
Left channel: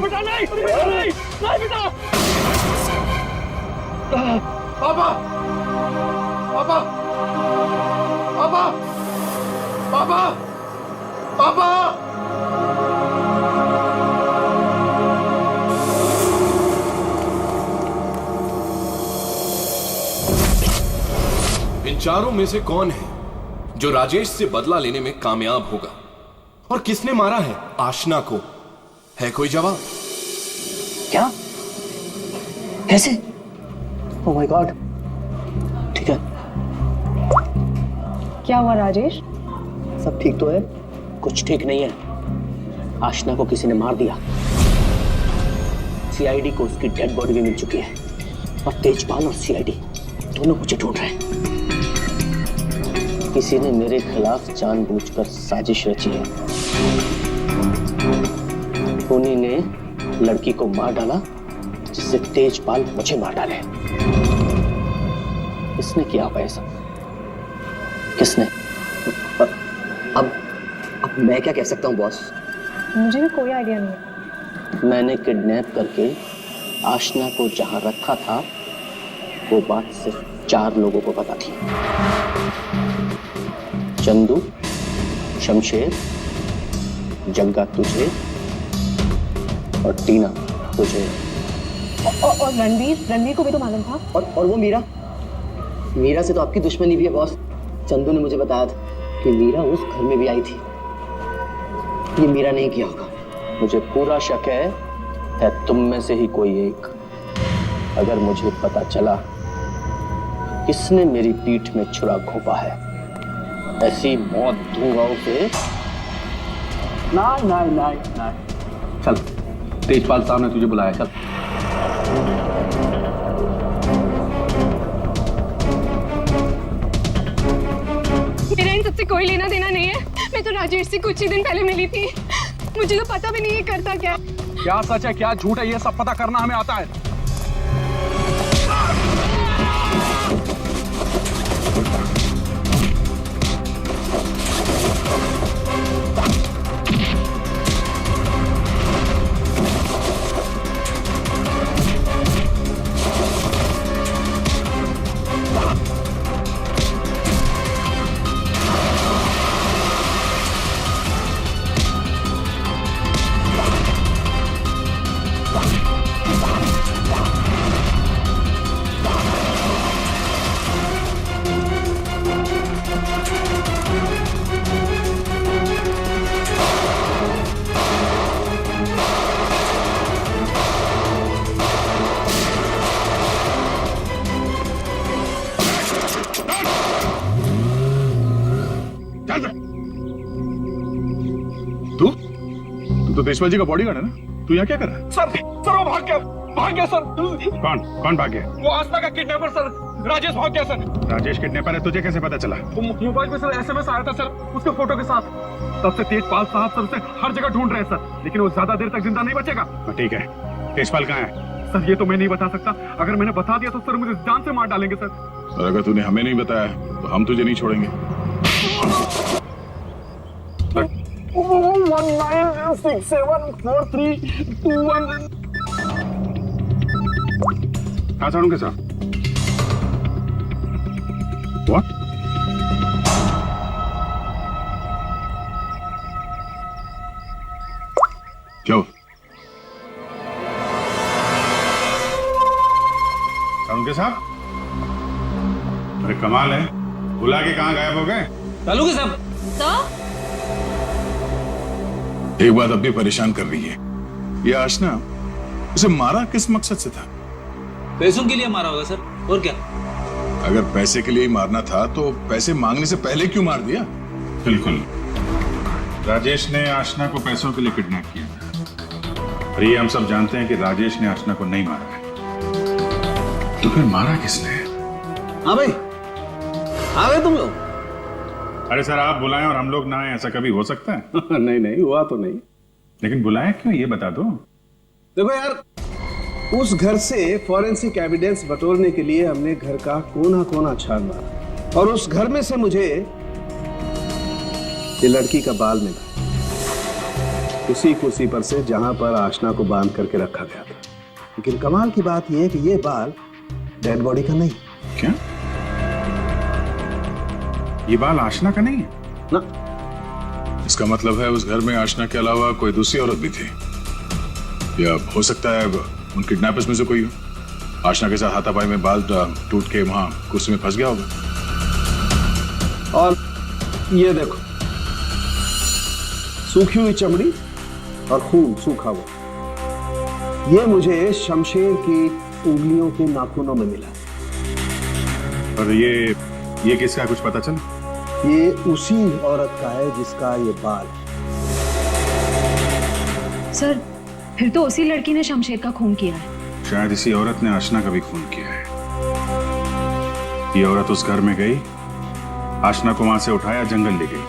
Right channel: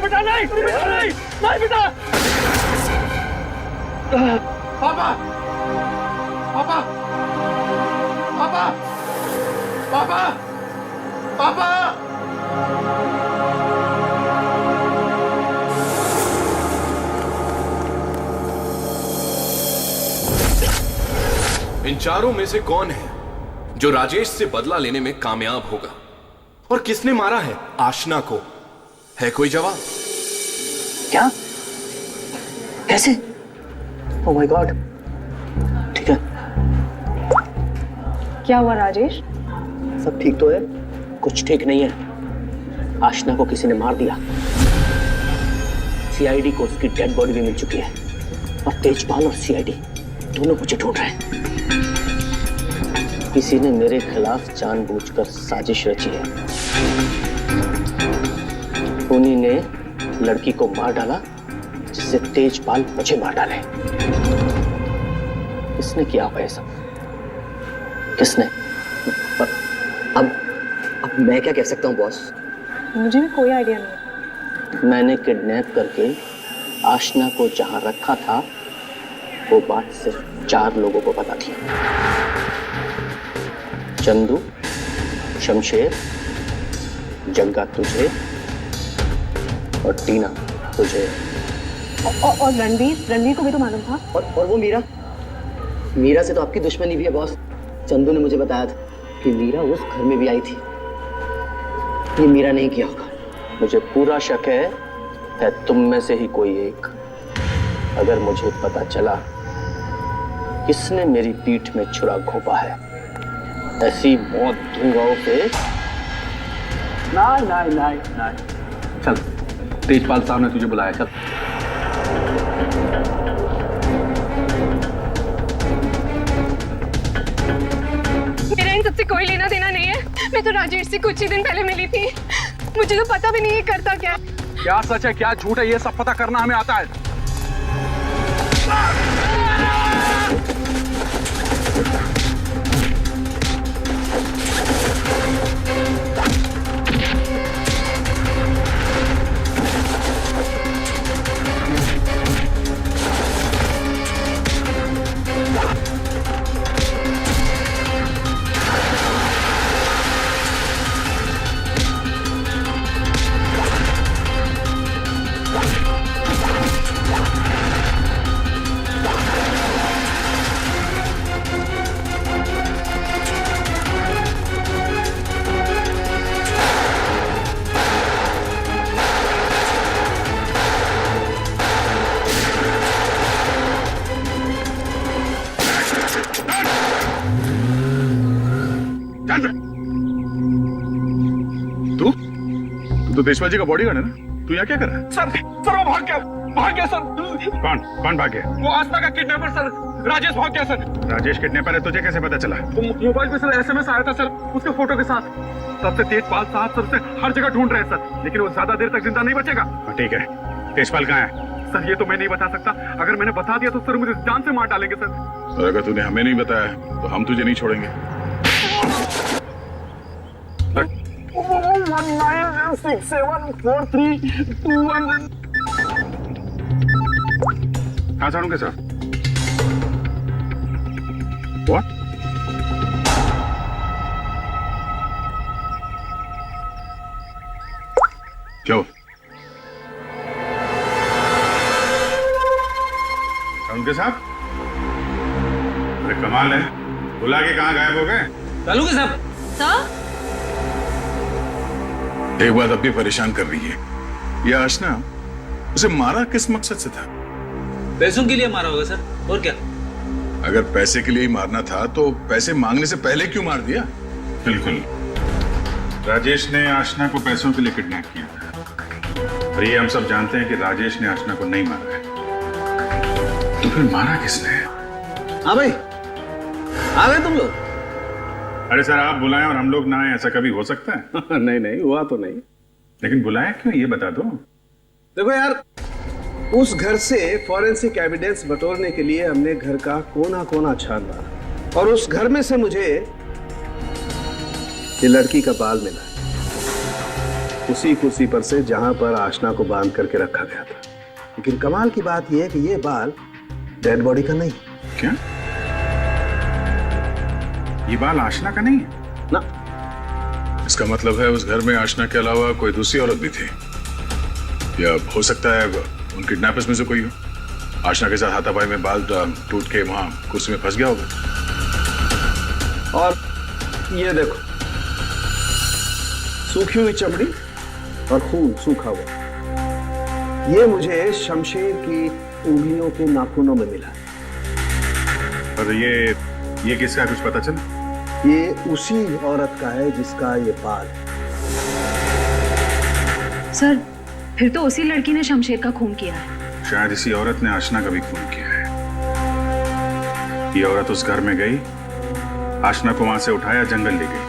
बेटा नहीं, नहीं बेटा। पापा, पापा, पापा, पापा, पापा। इन चारों में से कौन है जो राजेश से बदला लेने में कामयाब होगा? और किसने मारा है आशना को? है कोई जवाब? क्या? कैसे? Oh my God. ठीक है। क्या हुआ राजेश? सब ठीक तो है? कुछ ठीक नहीं है। आशना को किसी ने मार दिया। सीआईडी को उसकी डेड बॉडी भी मिल चुकी है और तेजपाल और सीआईडी दोनों मुझे ढूंढ रहे हैं। किसी ने मेरे खिलाफ जानबूझकर साजिश रची है। उन्हीं ने लड़की को मार डाला जिससे तेजपाल मुझे मार डाले। किसने किया होगा ये सब? किसने? अब मैं क्या कह सकता हूँ बॉस? मुझे भी कोई आइडिया नहीं है। मैंने किडनैप करके आशना को जहां रखा था वो बात सिर्फ 4 लोगों को पता थी। चंदू, शमशेर, जग्गा तुझे और टीना तुझे। और रणवीर को भी तो मालूम था। और वो मीरा से तो आपकी दुश्मनी भी है बॉस। चंदू ने मुझे बताया था कि मीरा उस घर में भी आई थी। ये मीरा नहीं किया होगा। मुझे पूरा शक है तुम में से ही कोई एक। अगर मुझे पता चला किसने मेरी पीठ में छुरा घोंपा है, ऐसी मौत दूंगा उसे। नहीं। चल, तेजपाल साहब ने तुझे बुलाया, चल। मेरा इन सबसे कोई लेना देना नहीं है। मैं तो राजेश से कुछ ही दिन पहले मिली थी। मुझे तो पता भी नहीं है करता क्या। क्या सच है क्या झूठ है ये सब पता करना हमें आता है। तू तो तेजपाल जी का बॉडीगार्ड है ना? तू यहाँ क्या कर रहा है? सर वो भाग गया सर। कौन भाग गया? वो आस्था का किडनैपर सर, राजेश भाग गया सर। राजेश किडनैपर है, तुझे कैसे पता चला? वो मोबाइल पे सर एसएमएस आया था सर, उसके फोटो के साथ। तब से तेजपाल साहब सर उसे हर जगह ढूंढ रहे हैं सर, लेकिन वो ज्यादा देर तक जिंदा नहीं बचेगा। ठीक है, तेजपाल कहाँ है? सर ये तो मैं नहीं बता सकता। अगर मैंने बता दिया तो सर मुझे जान से मार डालेंगे सर। और अगर तूने हमें नहीं बताया तो हम तुझे नहीं छोड़ेंगे। 19674321। हाँ साड़ू के साथ। What? क्या हुआ? साड़ू के साथ? अरे कमाल है, बुला के कहाँ गायब हो गए? चालू के साहब। सर, एक बात अब भी परेशान कर रही है, ये आशना उसे मारा किस मकसद से था? पैसों के लिए मारा होगा सर, और क्या? अगर पैसे के लिए ही मारना था तो पैसे मांगने से पहले क्यों मार दिया? बिल्कुल, राजेश ने आशना को पैसों के लिए किडनैप किया था और ये हम सब जानते हैं कि राजेश ने आशना को नहीं मारा है। तो फिर मारा किसने? हाँ भाई, आ गए तुम लोग? अरे सर, आप बुलाएं और हम लोग ना आए, ऐसा कभी हो सकता है? नहीं हुआ तो नहीं। लेकिन बुलाया क्यों ये बता दो। देखो यार, उस घर से फॉरेंसिक एविडेंस बटोरने के लिए हमने घर का कोना कोना छान मारा और उस घर में से मुझे ये लड़की का बाल मिला, उसी कुर्सी पर से जहां पर आशना को बांध करके रखा गया था। लेकिन कमाल की बात यह है कि ये बाल डेड बॉडी का नहीं। क्या? ये बाल आशना का नहीं है? ना। इसका मतलब है उस घर में आशना के अलावा कोई दूसरी औरत भी थी, या हो सकता है उन किडनैपर्स में से कोई हो। आशना के साथ हाथापाई में बाल टूट के वहां कुर्सी में फंस गया होगा। और ये देखो, सूखी हुई चमड़ी और खून सूखा हुआ, ये मुझे शमशेर की उंगलियों के नाखूनों में मिला। और ये किसका, कुछ पता चला? ये उसी औरत का है जिसका ये बाल। सर, फिर तो उसी लड़की ने शमशेर का खून किया है। शायद इसी औरत ने आशना का भी खून किया है। ये औरत उस घर में गई, आशना को वहां से उठाया, जंगल ले गई,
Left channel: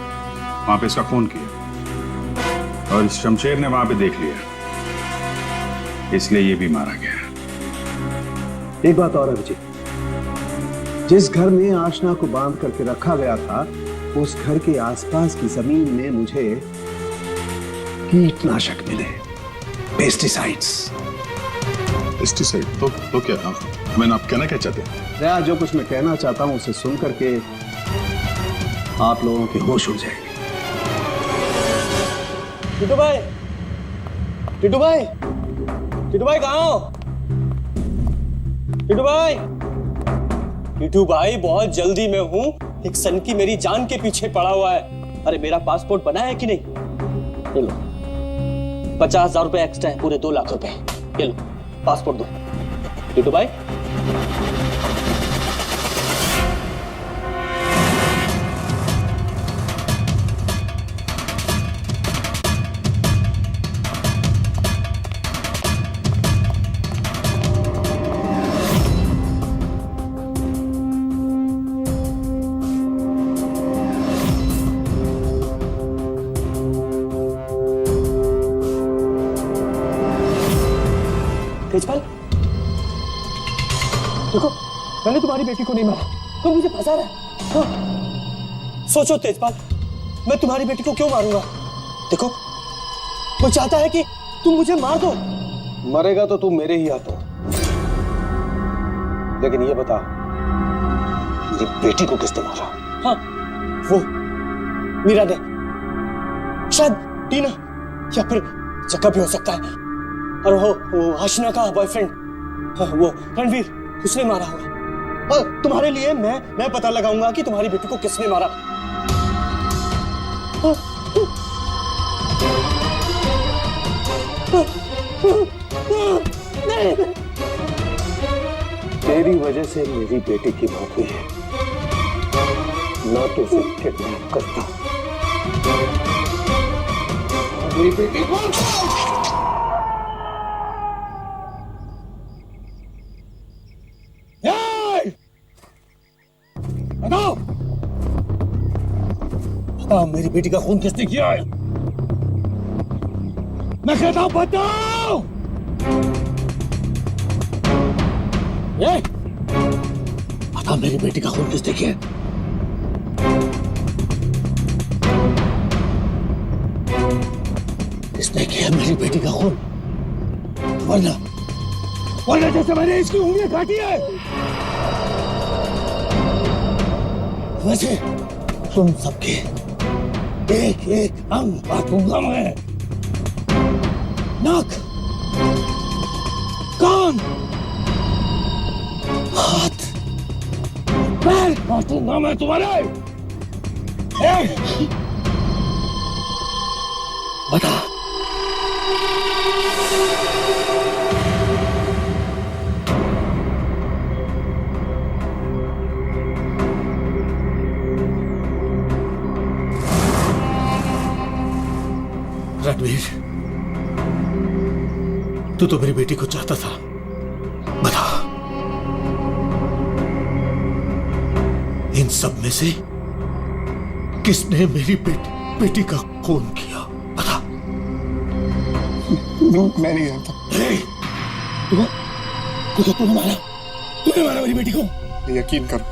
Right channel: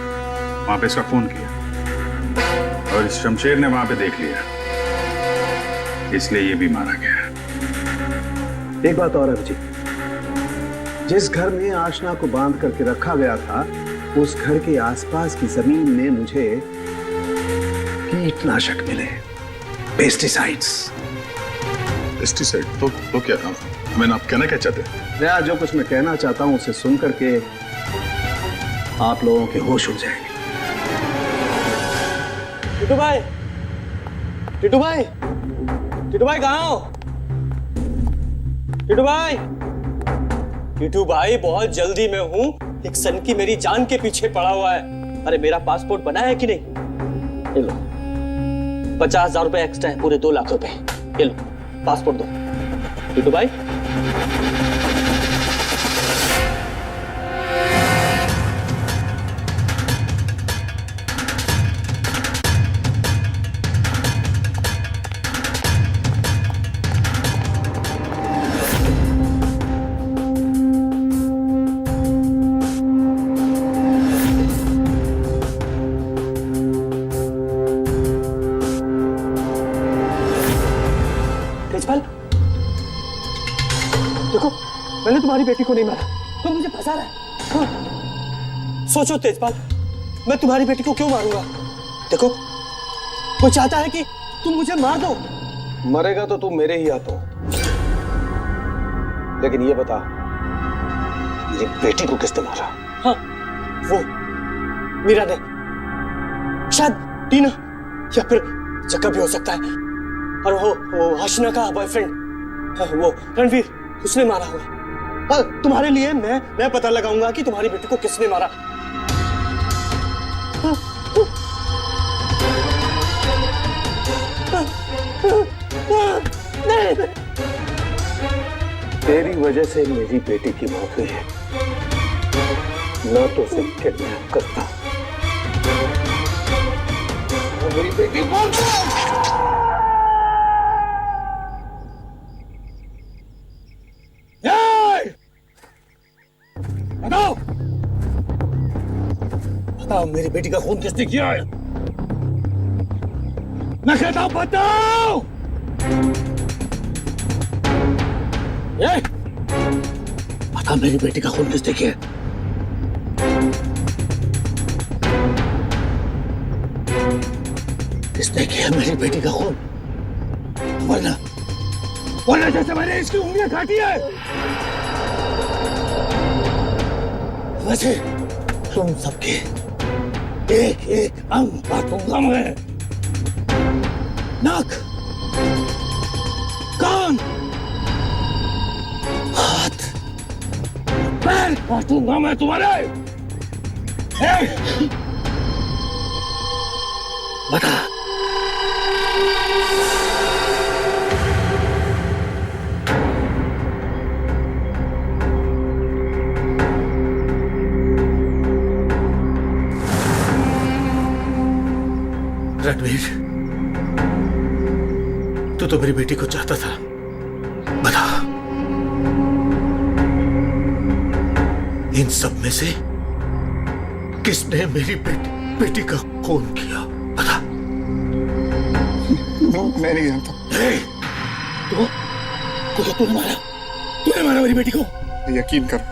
वहां पे इसका खून किया और इस शमशेर ने वहां पे देख लिया, इसलिए ये भी मारा गया। एक बात और है विजय, जिस घर में आशना को बांध करके रखा गया था उस घर के आसपास की जमीन में मुझे कीटनाशक मिले, पेस्टिसाइड्स। पेस्टिसाइड तो क्या मैंने आप कहना क्या चाहते हैं? दया, जो कुछ मैं कहना चाहता हूं उसे सुन करके आप लोगों के होश उड़ जाएंगे। टिटू भाई, टिटू भाई, टिटू भाई कहाँ हो? टिटू भाई, टिटू भाई बहुत जल्दी में हूँ, एक सन की मेरी जान के पीछे पड़ा हुआ है। अरे मेरा पासपोर्ट बना है कि नहीं? ये लो 50,000 रुपए एक्स्ट्रा है, पूरे 2 लाख रुपए। ये लो पासपोर्ट दो। टिटू भाई तेजपाल, देखो मैंने तुम्हारी बेटी को नहीं मारा, तुम मुझे फंसा रहा है। हाँ। सोचो तेजपाल, मैं तुम्हारी बेटी को क्यों मारूंगा? देखो वो चाहता है कि तुम मुझे मार दो। मरेगा तो तू मेरे ही हाथों, लेकिन ये बता मेरी बेटी को किसने मारा? हाँ, वो मीरा ने, शायद टीना या फिर जग्गा भी हो सकता है, और वो आशना का बॉयफ्रेंड, वो रणवीर, उसने मारा होगा। और तुम्हारे लिए मैं पता लगाऊंगा कि तुम्हारी बेटी को किसने मारा। तेरी वजह से मेरी बेटी की मौत हुई है, ना तो उसे किडनैप करता और मेरी बेटी बताओ, बताओ मेरी बेटी का खून किसने किया है? मैं कहता हूं बताओ। बताओ मेरी बेटी का खून किसने किया? किसने किया मेरी बेटी का खून? वरना जैसे मैंने इसकी उंगलियां काटी है वैसे तुम सबके एक एक अंग काटूंगा मैं। नाक, कान, हाथ, पैर काटूंगा मैं तुम्हारे। बता, रणवीर, तू तो मेरी बेटी को चाहता था, बता इन सब में से किसने मेरी बेटी का खून किया? बता। मैं नहीं जानता। तूने मारा मेरी बेटी को? यकीन करो,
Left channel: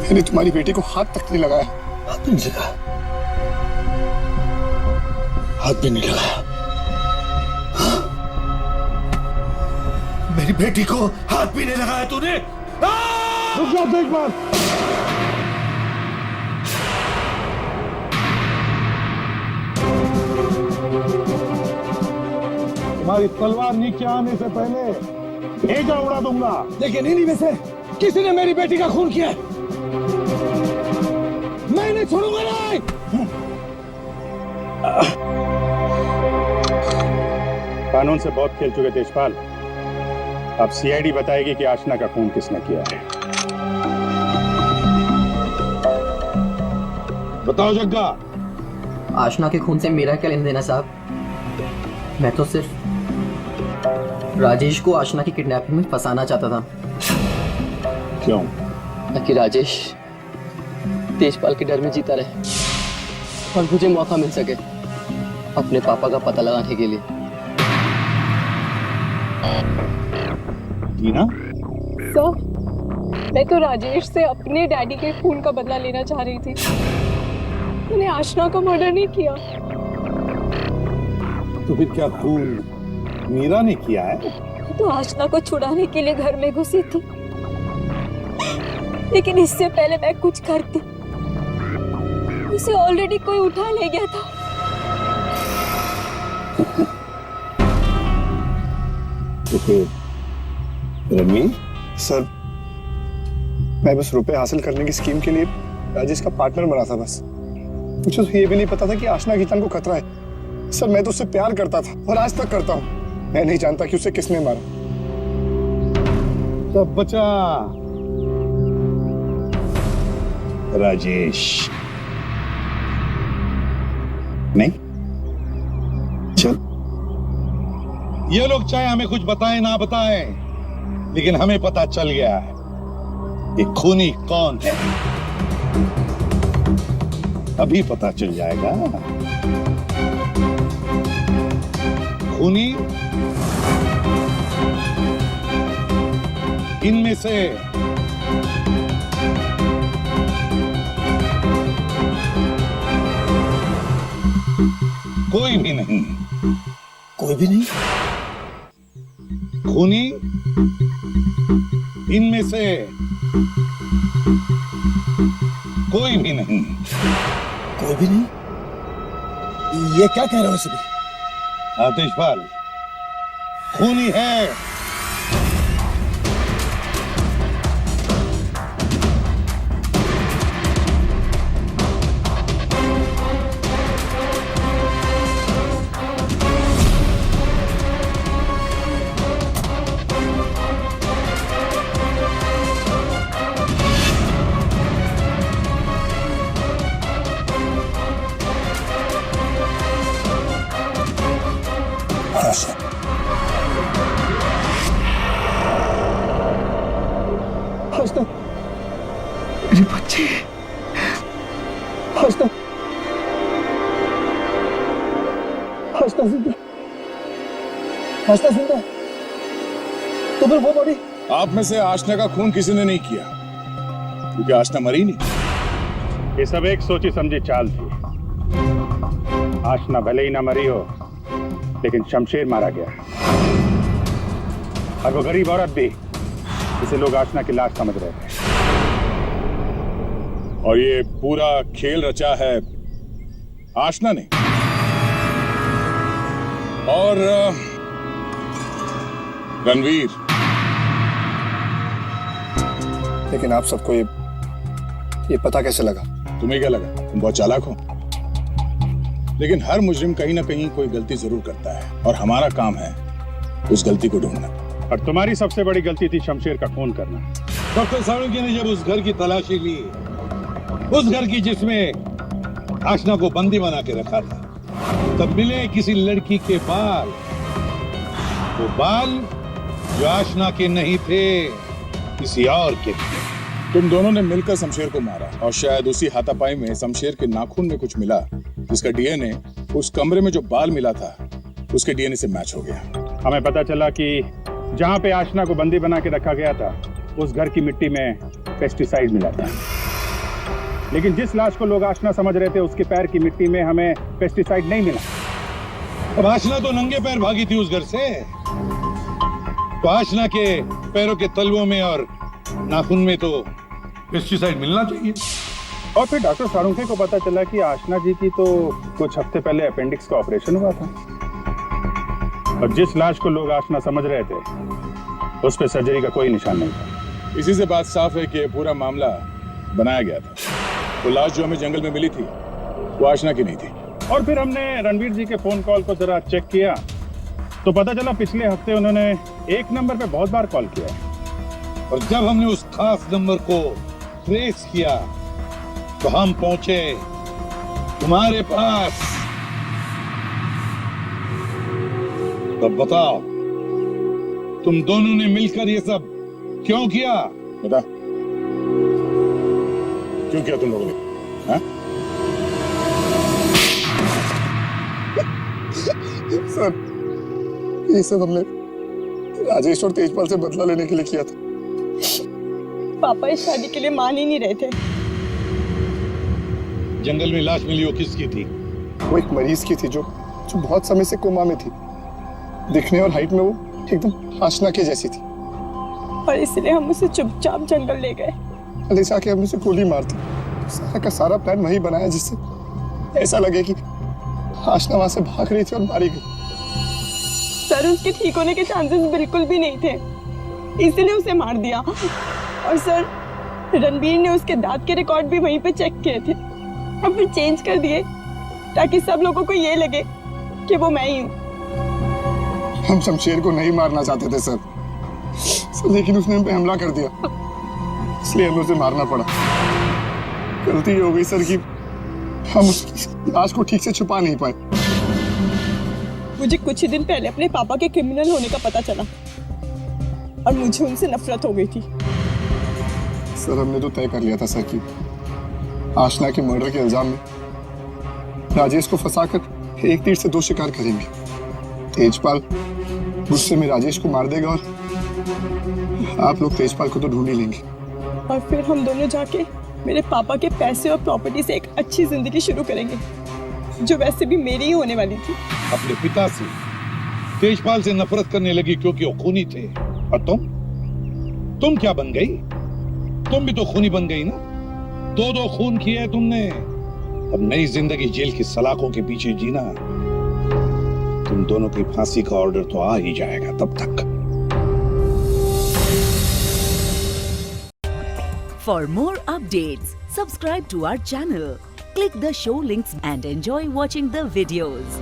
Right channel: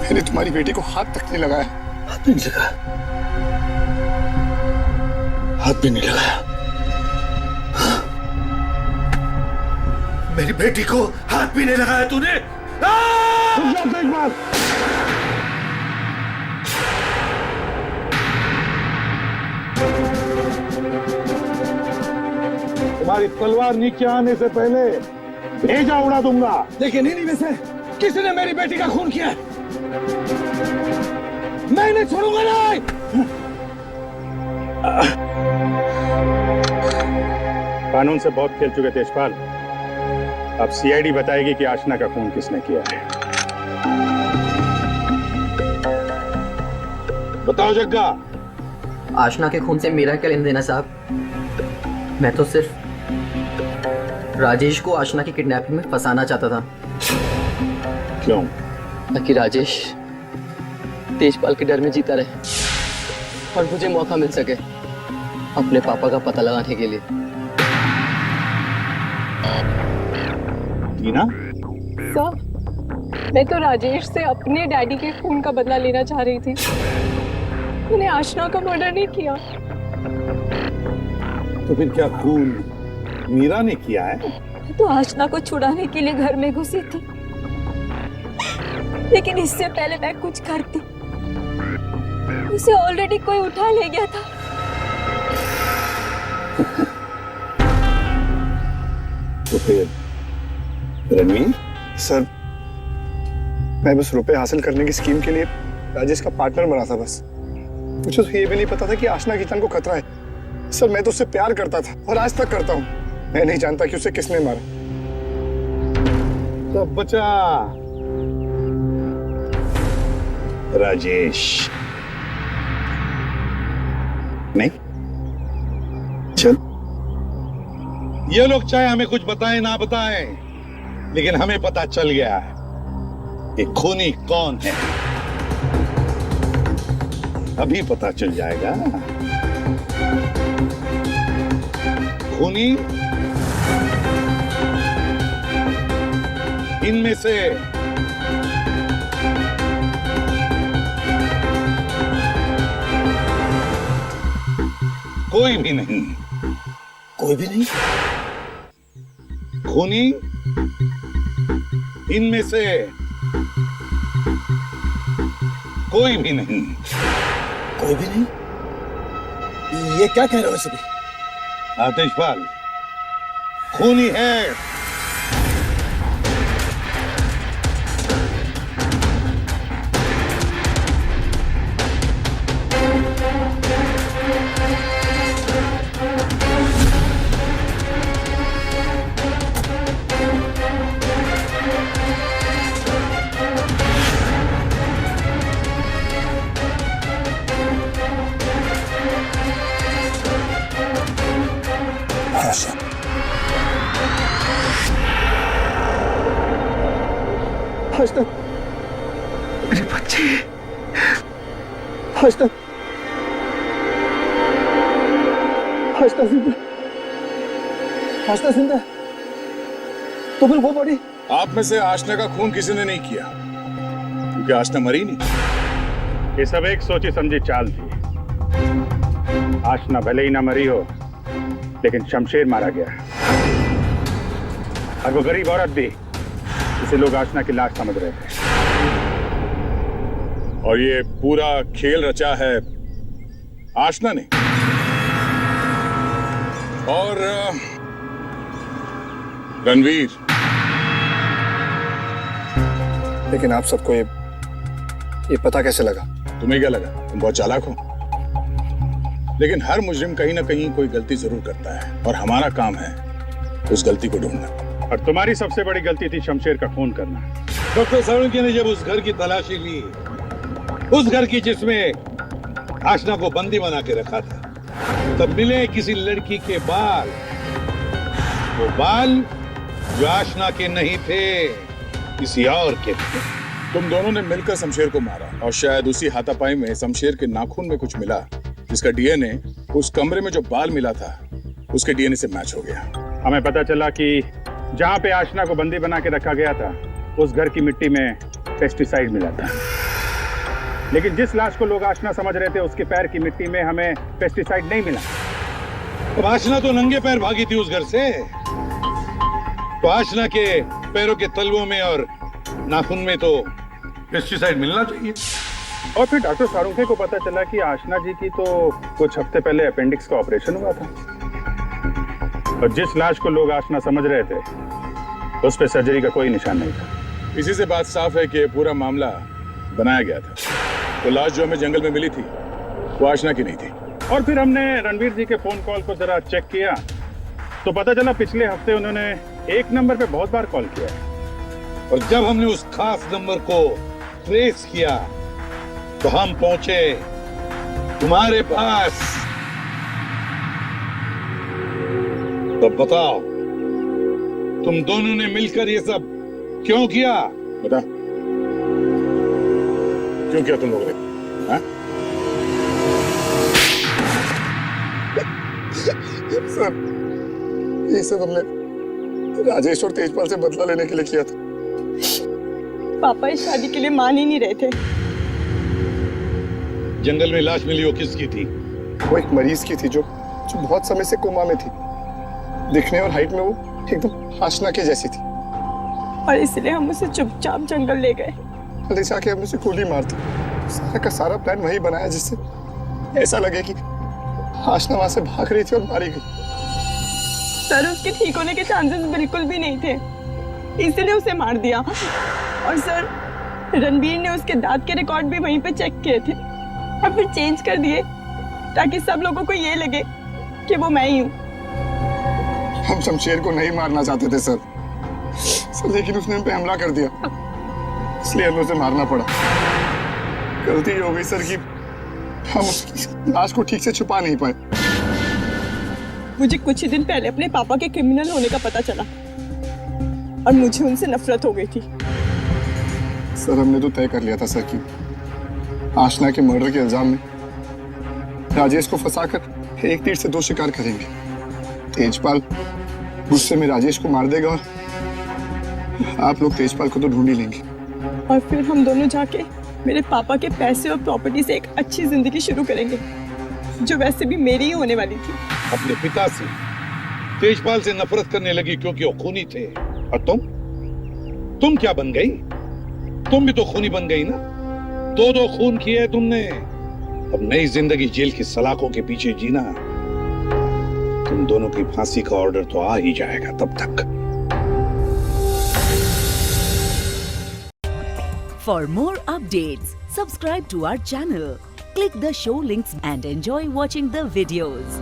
मैंने तुम्हारी बेटी को हाथ तक नहीं लगाया। हाथ नहीं लगाया? हाथ भी नहीं लगाया? मेरी बेटी को हाथ भी नहीं लगाया तूने? रुक जाओ तेजपाल। तुम्हारी तलवार नीचे आने से पहले भेजा उड़ा दूंगा। लेकिन इन्हीं में से किसी ने मेरी बेटी का खून किया है। मैं नहीं छोड़ूंगा नहीं। कानून से बहुत खेल चुके तेजपाल, अब सीआईडी बताएगी कि आशना का खून किसने किया है। बताओ जग्गा। आशना के खून से मेरा क्या लेना देना साहब? मैं तो सिर्फ राजेश को आशना की किडनैपिंग में फंसाना चाहता था। क्यों? ताकि राजेश तेजपाल के डर में जीता रहे और मुझे मौका मिल सके अपने पापा का पता लगाने के लिए। टीना? सर, मैं तो राजेश से अपने डैडी के खून का बदला लेना चाह रही थी। मैंने आशना का मर्डर नहीं किया। तो फिर क्या खून मीरा ने किया है? तो आशना को छुड़ाने के लिए घर में घुसी थी, लेकिन इससे पहले मैं कुछ करती उसे ऑलरेडी कोई उठा ले गया था। तो फिर रणवीर? सर, मैं बस रुपए हासिल करने की स्कीम के लिए राजेश का पार्टनर बना था बस। मुझे तो ये भी नहीं पता था कि आशना की जान को खतरा है। सर, मैं तो उससे प्यार करता था और आज तक करता हूँ। मैं नहीं जानता कि उसे किसने मारा। सब बचा राजेश। नहीं? चल, ये लोग चाहे हमें कुछ बताएं ना बताएं, लेकिन हमें पता चल गया है कि खूनी कौन है। अभी पता चल जाएगा। खूनी इनमें से कोई भी नहीं। कोई भी नहीं? खूनी इनमें से कोई भी नहीं। कोई भी नहीं? ये क्या कह रहे हो सभी? आतिशपाल खूनी है। आशना, मेरे बच्चे। आशना, आशना जिंदा। आशना जिंदा। तो फिर वो बॉडी? आप में से आशना का खून किसी ने नहीं किया, क्योंकि आशना मरी नहीं। ये सब एक सोची समझी चाल थी। आशना भले ही ना मरी हो, लेकिन शमशेर मारा गया, और वो गरीब औरत भी, जिसे लोग आशना की लाश समझ रहे थे। और ये पूरा खेल रचा है आशना ने। और रणवीर। लेकिन आप सबको ये पता कैसे लगा? तुम्हें क्या लगा तुम बहुत चालाक हो? लेकिन हर मुजरिम कहीं ना कहीं कोई गलती जरूर करता है, और हमारा काम है उस गलती को ढूंढना। और तुम्हारी सबसे बड़ी गलती थी शमशेर का खून करना। डॉक्टर सालुंके ने जब उस घर की तलाशी ली, उस घर की जिसमें आशना को बंदी बना के रखा था, तब मिले किसी लड़की के बाल। वो बाल जो आशना के नहीं थे, किसी और के थे। तुम दोनों ने मिलकर शमशेर को मारा, और शायद उसी हाथापाई में शमशेर के नाखून में कुछ मिला, जिसका डीएनए उस कमरे में जो बाल मिला था उसके डीएनए से मैच हो गया। हमें पता चला कि जहां पे आशना को बंदी बना के रखा गया था, उस घर की मिट्टी में पेस्टिसाइड मिला था। लेकिन जिस लाश को लोग आशना समझ रहे थे, उसके पैर की मिट्टी में हमें पेस्टिसाइड नहीं मिला। अब आशना तो नंगे पैर भागी थी उस घर से, तो आशना के पैरों के तलवों में और नाखून में तो पेस्टिसाइड मिलना चाहिए। और फिर डॉक्टर सालुंके को पता चला कि आशना जी की तो कुछ हफ्ते पहले अपेंडिक्स का ऑपरेशन हुआ था, और जिस लाश को लोग आशना समझ रहे थे, उस पे सर्जरी का कोई निशान नहीं था। इसी से बात साफ है कि पूरा मामला बनाया गया था। तो लाश जो हमें जंगल में मिली थी, वो आशना की नहीं थी। और फिर हमने रणवीर जी के फोन कॉल को जरा चेक किया, तो पता चला पिछले हफ्ते उन्होंने एक नंबर पे बहुत बार कॉल किया है। और जब हमने उस खास नंबर को ट्रेस किया, तो हम पहुंचे तुम्हारे पास। तो बताओ, तुम दोनों ने मिलकर ये सब क्यों किया? बता, क्यों किया तुम लोगों ने? हाँ? सर, ये सब हमने राजेश और तेजपाल से बदला लेने के लिए किया था। पापा इस शादी के लिए मान ही नहीं रहे थे। जंगल में लाश मिली, वो किसकी थी? वो एक मरीज की थी जो बहुत समय से कोमा में थी। दिखने और हाइट में वो एकदम आशना के जैसी थी। और इसलिए हम उसे चुपचाप जंगल ले गए। ले जाके हमने उसे गोली मार दी। सारा का सारा प्लान वही बनाया जिससे ऐसा लगे कि आशना वहां से भाग रही थी और मारी गई। सर, उसके ठीक होने के चांसेस बिल्कुल भी नहीं थे, इसलिए उसे मार दिया। और सर, रणबीर ने उसके दांत के रिकॉर्ड भी वहीं पे चेक किए थे और फिर चेंज कर दिए ताकि सब लोगों को ये लगे कि वो मैं ही हूँ। हम शमशेर को नहीं मारना चाहते थे सर, लेकिन उसने हम पे हमला कर दिया, इसलिए हमें उसे मारना पड़ा। गलती ये हो गई सर कि हम उसकी लाश को ठीक से छुपा नहीं पाए। मुझे कुछ ही दिन पहले अपने पापा के क्रिमिनल होने का पता चला और मुझे उनसे नफरत हो गई थी। सर, हमने तो तय कर लिया था सर कि आशना के मर्डर के इल्जाम में राजेश को फंसाकर एक तीर से दो शिकार करेंगे। तेजपाल गुस्से में राजेश को मार देगा और आप लोग तेजपाल को तो ढूंढ ही लेंगे। और फिर हम दोनों जाके मेरे पापा के पैसे और प्रॉपर्टी से एक अच्छी जिंदगी शुरू करेंगे, जो वैसे भी मेरी ही होने वाली थी। अपने पिता से, तेजपाल से नफरत करने लगी क्योंकि वो खूनी थे। और तुम क्या बन गई? तुम भी तो खूनी बन गई ना। दो खून किए तुमने। अब नई जिंदगी जेल की सलाखों के पीछे जीना। तुम दोनों की फांसी का ऑर्डर तो आ ही जाएगा तब तक। For more updates, subscribe to our channel, click the show links and enjoy watching the videos.